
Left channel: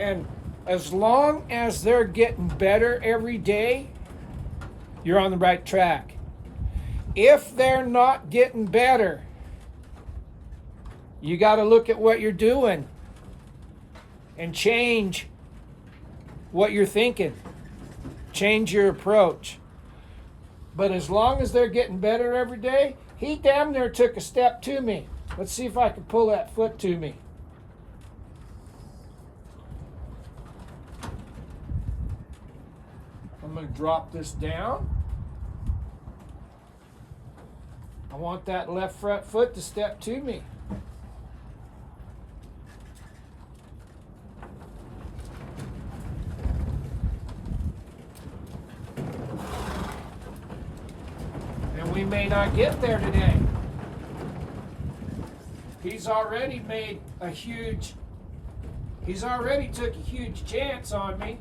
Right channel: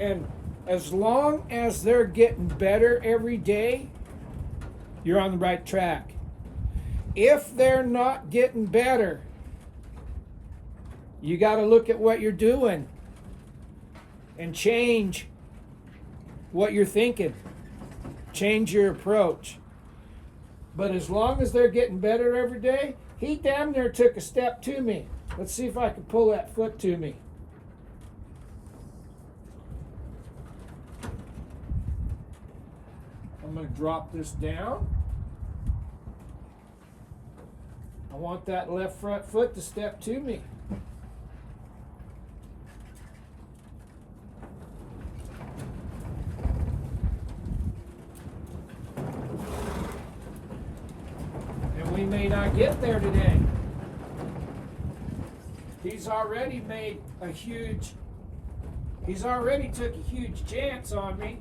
And as long as they're getting better every day, you're on the right track. If they're not getting better, you got to look at what you're doing and change what you're thinking. Change your approach. But as long as they're getting better every day, he damn near took a step to me. Let's see if I can pull that foot to me. I'm going to drop this down. I want that left front foot to step to me. And we may not get there today. He's already took a huge chance on me.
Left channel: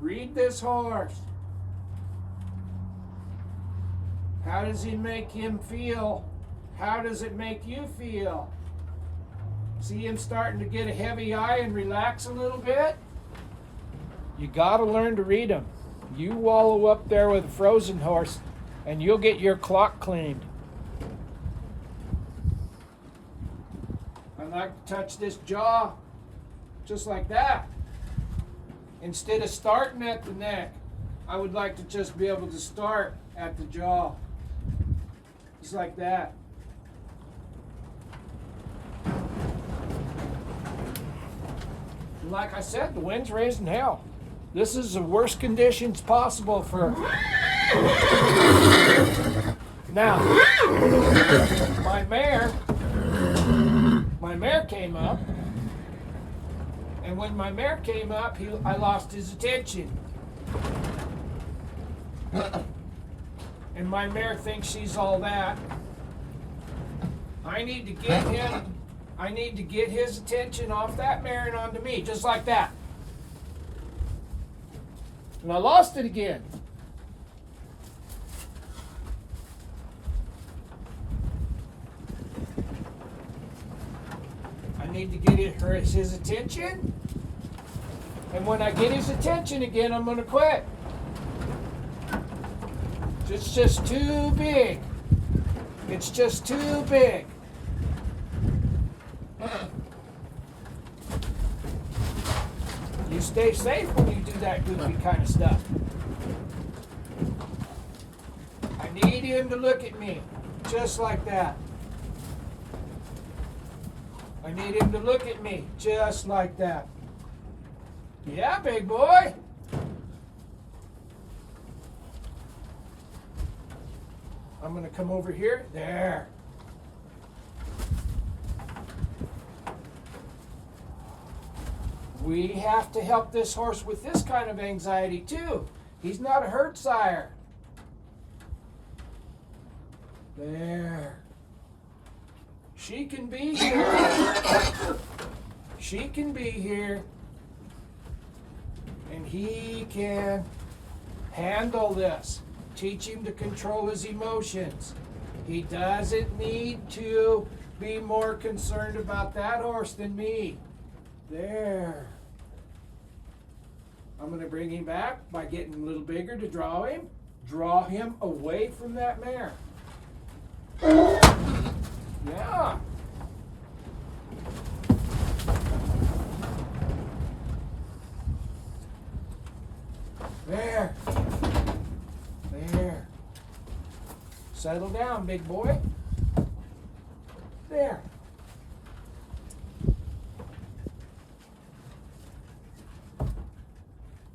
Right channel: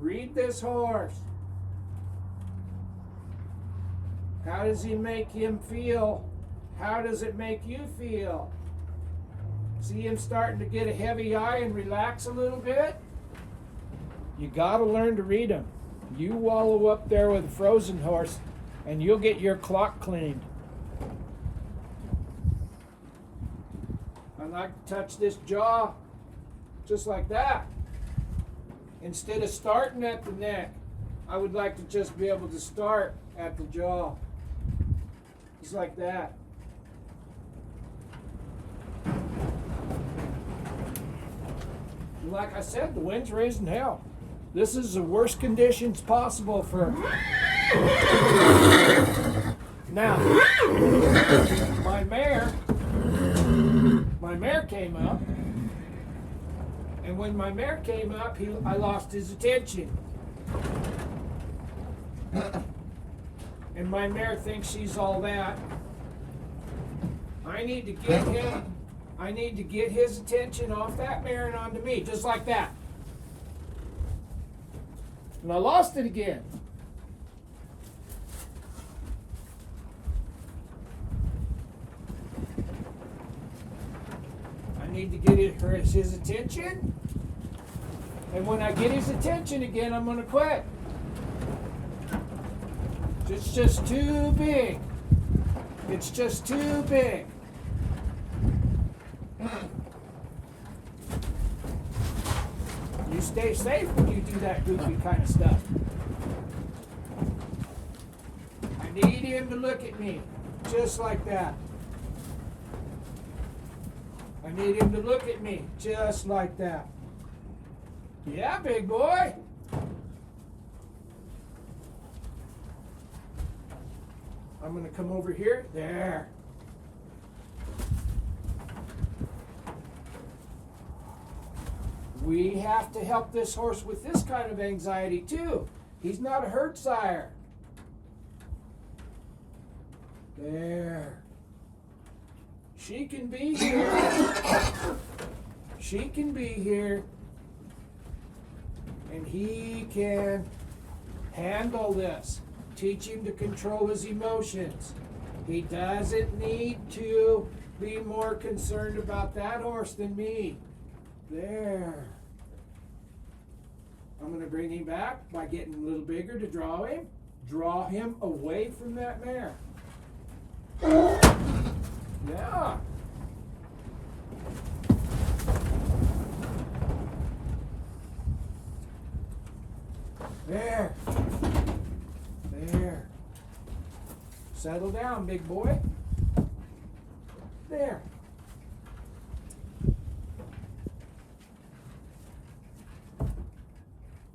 Read this horse. How does he make him feel? How does it make you feel? See him starting to get a heavy eye and relax a little bit? You got to learn to read him. You wallow up there with a frozen horse and you'll get your clock cleaned. I like to touch this jaw just like that. Instead of starting at the neck, I would like to just be able to start at the jaw. Just like that. like I said, the wind's raising hell. This is the worst conditions possible for... Now, my mare came up, and when my mare came up, I lost his attention. And my mare thinks she's all that. I need to get his attention off that mare and onto me, just like that. And I lost it again. I need to get his attention. And when I get his attention again, I'm going to quit. It's just too big. It's just too big. You stay safe when you do that goofy kind of stuff. I need him to look at me, just like that. I need him to look at me, just like that. Yeah, big boy. I'm going to come over here. There. We have to help this horse with this kind of anxiety too. He's not a herd sire. There. She can be here. She can be here. And he can handle this. Teach him to control his emotions. He doesn't need to be more concerned about that horse than me. There. I'm going to bring him back by getting a little bigger to draw him. Draw him away from that mare. Yeah. There. There. Settle down, big boy. There.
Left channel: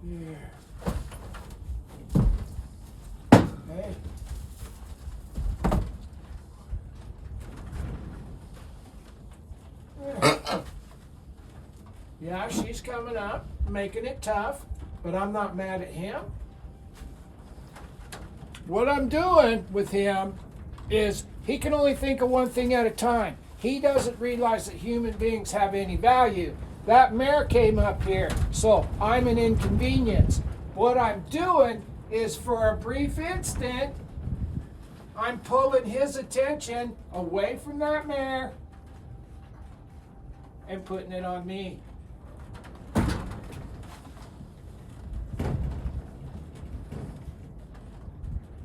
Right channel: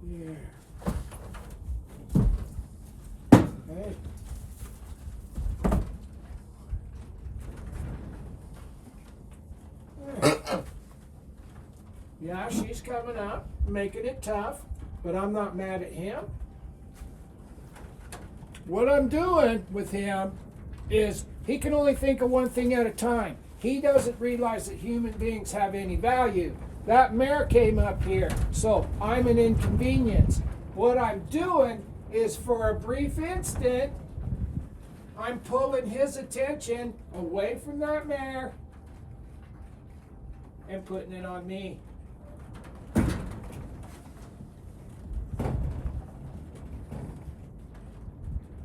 There. Hey. There. Yeah, she's coming up, making it tough, but I'm not mad at him. What I'm doing with him is he can only think of one thing at a time. He doesn't realize that human beings have any value. That mare came up here, so I'm an inconvenience. What I'm doing is, for a brief instant, I'm pulling his attention away from that mare and putting it on me.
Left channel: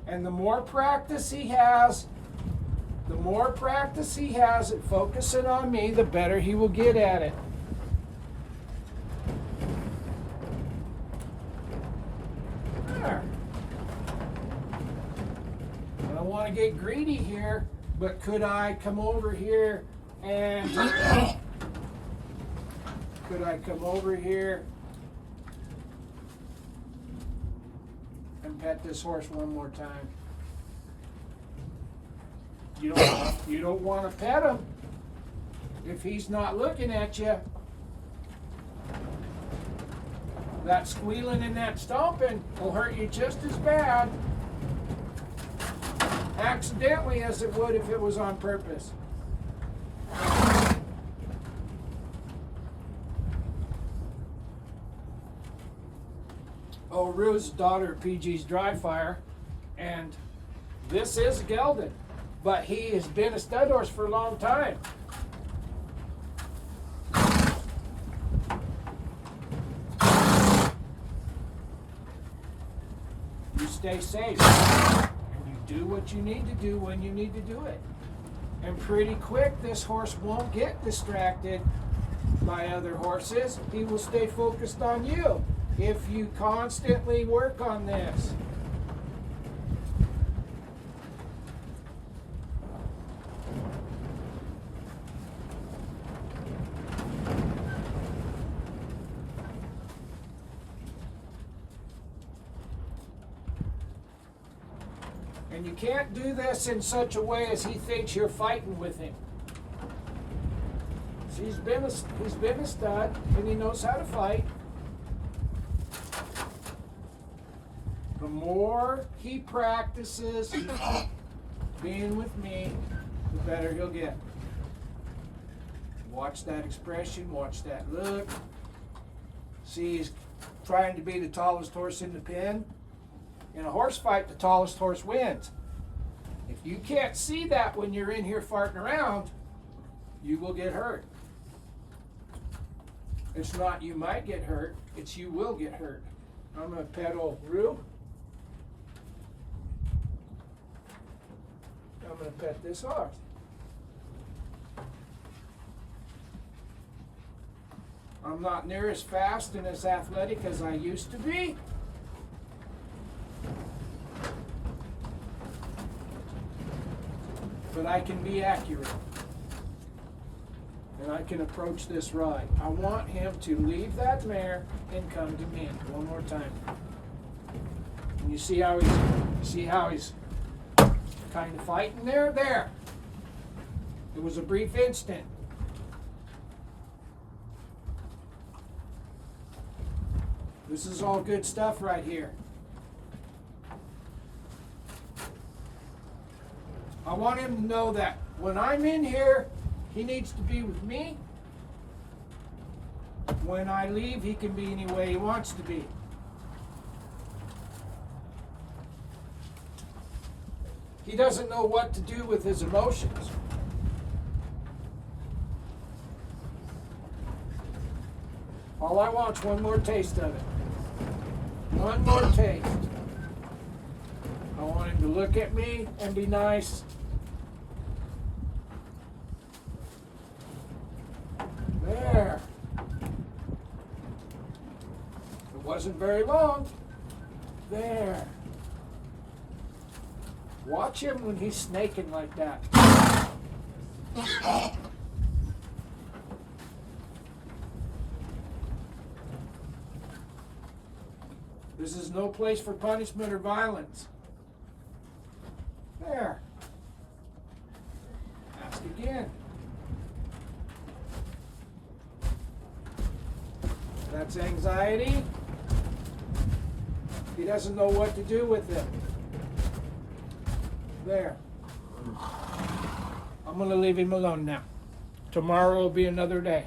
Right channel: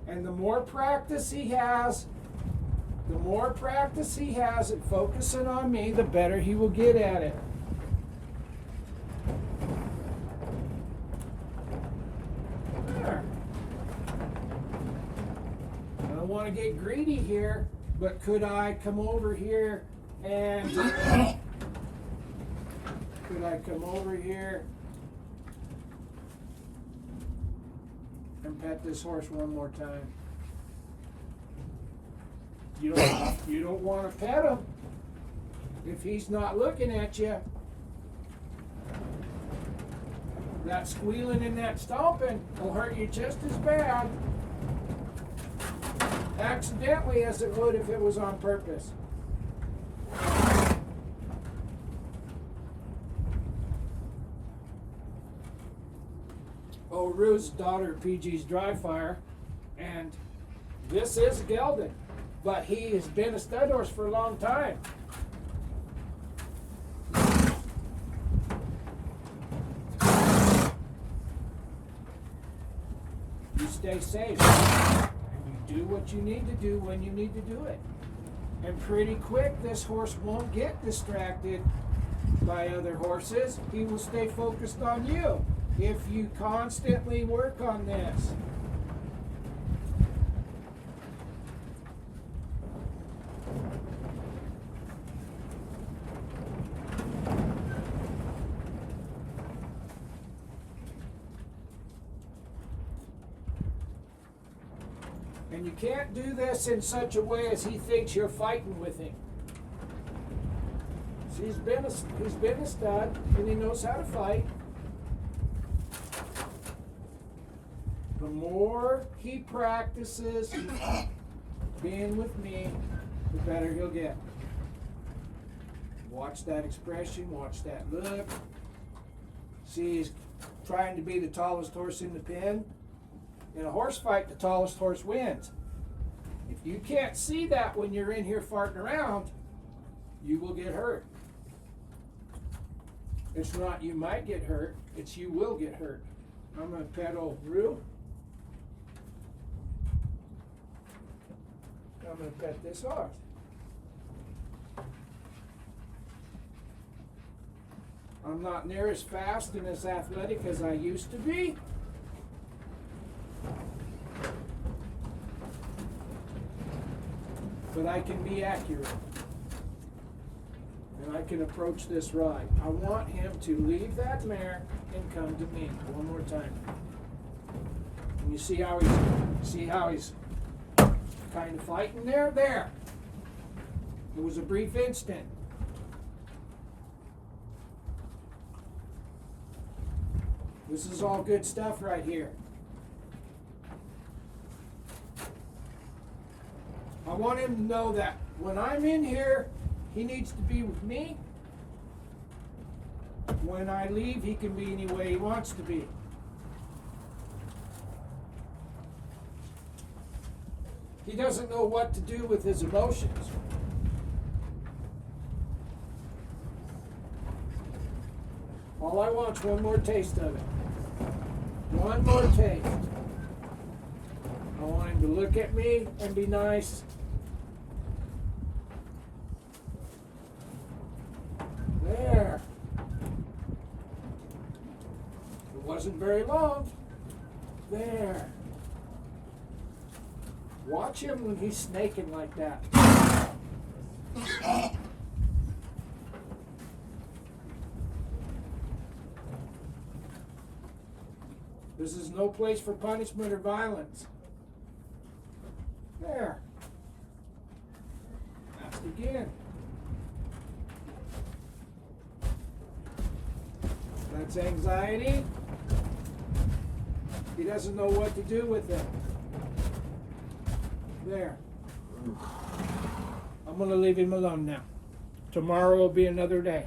And the more practice he has at focusing on me, the better he will get at it. There. I don't want to get greedy here, but could I come over here and pet this horse one more time? You don't want to pet him if he's not looking at you. That squealing and that stomping will hurt you just as bad accidentally as it would if it was on purpose. Oh, Rue's daughter, PG's dry fire, and this is a gelding, but he has been a stud horse for a long time. You stay safe, and you do what you need to do when you need to do it. And pretty quick, this horse won't get distracted by other horses. He will stay focused on you if you constantly work on this. And you can't do this in such a way as he thinks you're fighting with him. So he's been a stud, and he knows how to fight. The more he practices being with me, the better he'll get. Watch that expression, watch that look. See, he's trying to be the tallest horse in the pen. In a horse fight, the tallest horse wins. If you can't see that when you're in here farting around, you will get hurt. It's not you might get hurt, it's you will get hurt. I'm going to pedal Rue. I'm going to pet this horse. I'm not near as fast and as athletic as I used to be. But I can be accurate. And I can approach this ride. I want him to leave that mare and come to me one more time. And you see how he's kind of fighting there? There. It was a brief instant. This is all good stuff right here. I want him to know that when I'm in here, he needs to be with me. When I leave, he can be any way he wants to be. He doesn't know what to do with his emotions. All I want is one more taste of it. One more taste. I want him to look at me and be nice. There. It wasn't very long. There. Watch him when he's snaking like that. This is no place for punishment or violence. There. Ask again. That's anxiety. He doesn't know what to do with it. There. I'm going to leave him alone now. Tomorrow will be another day.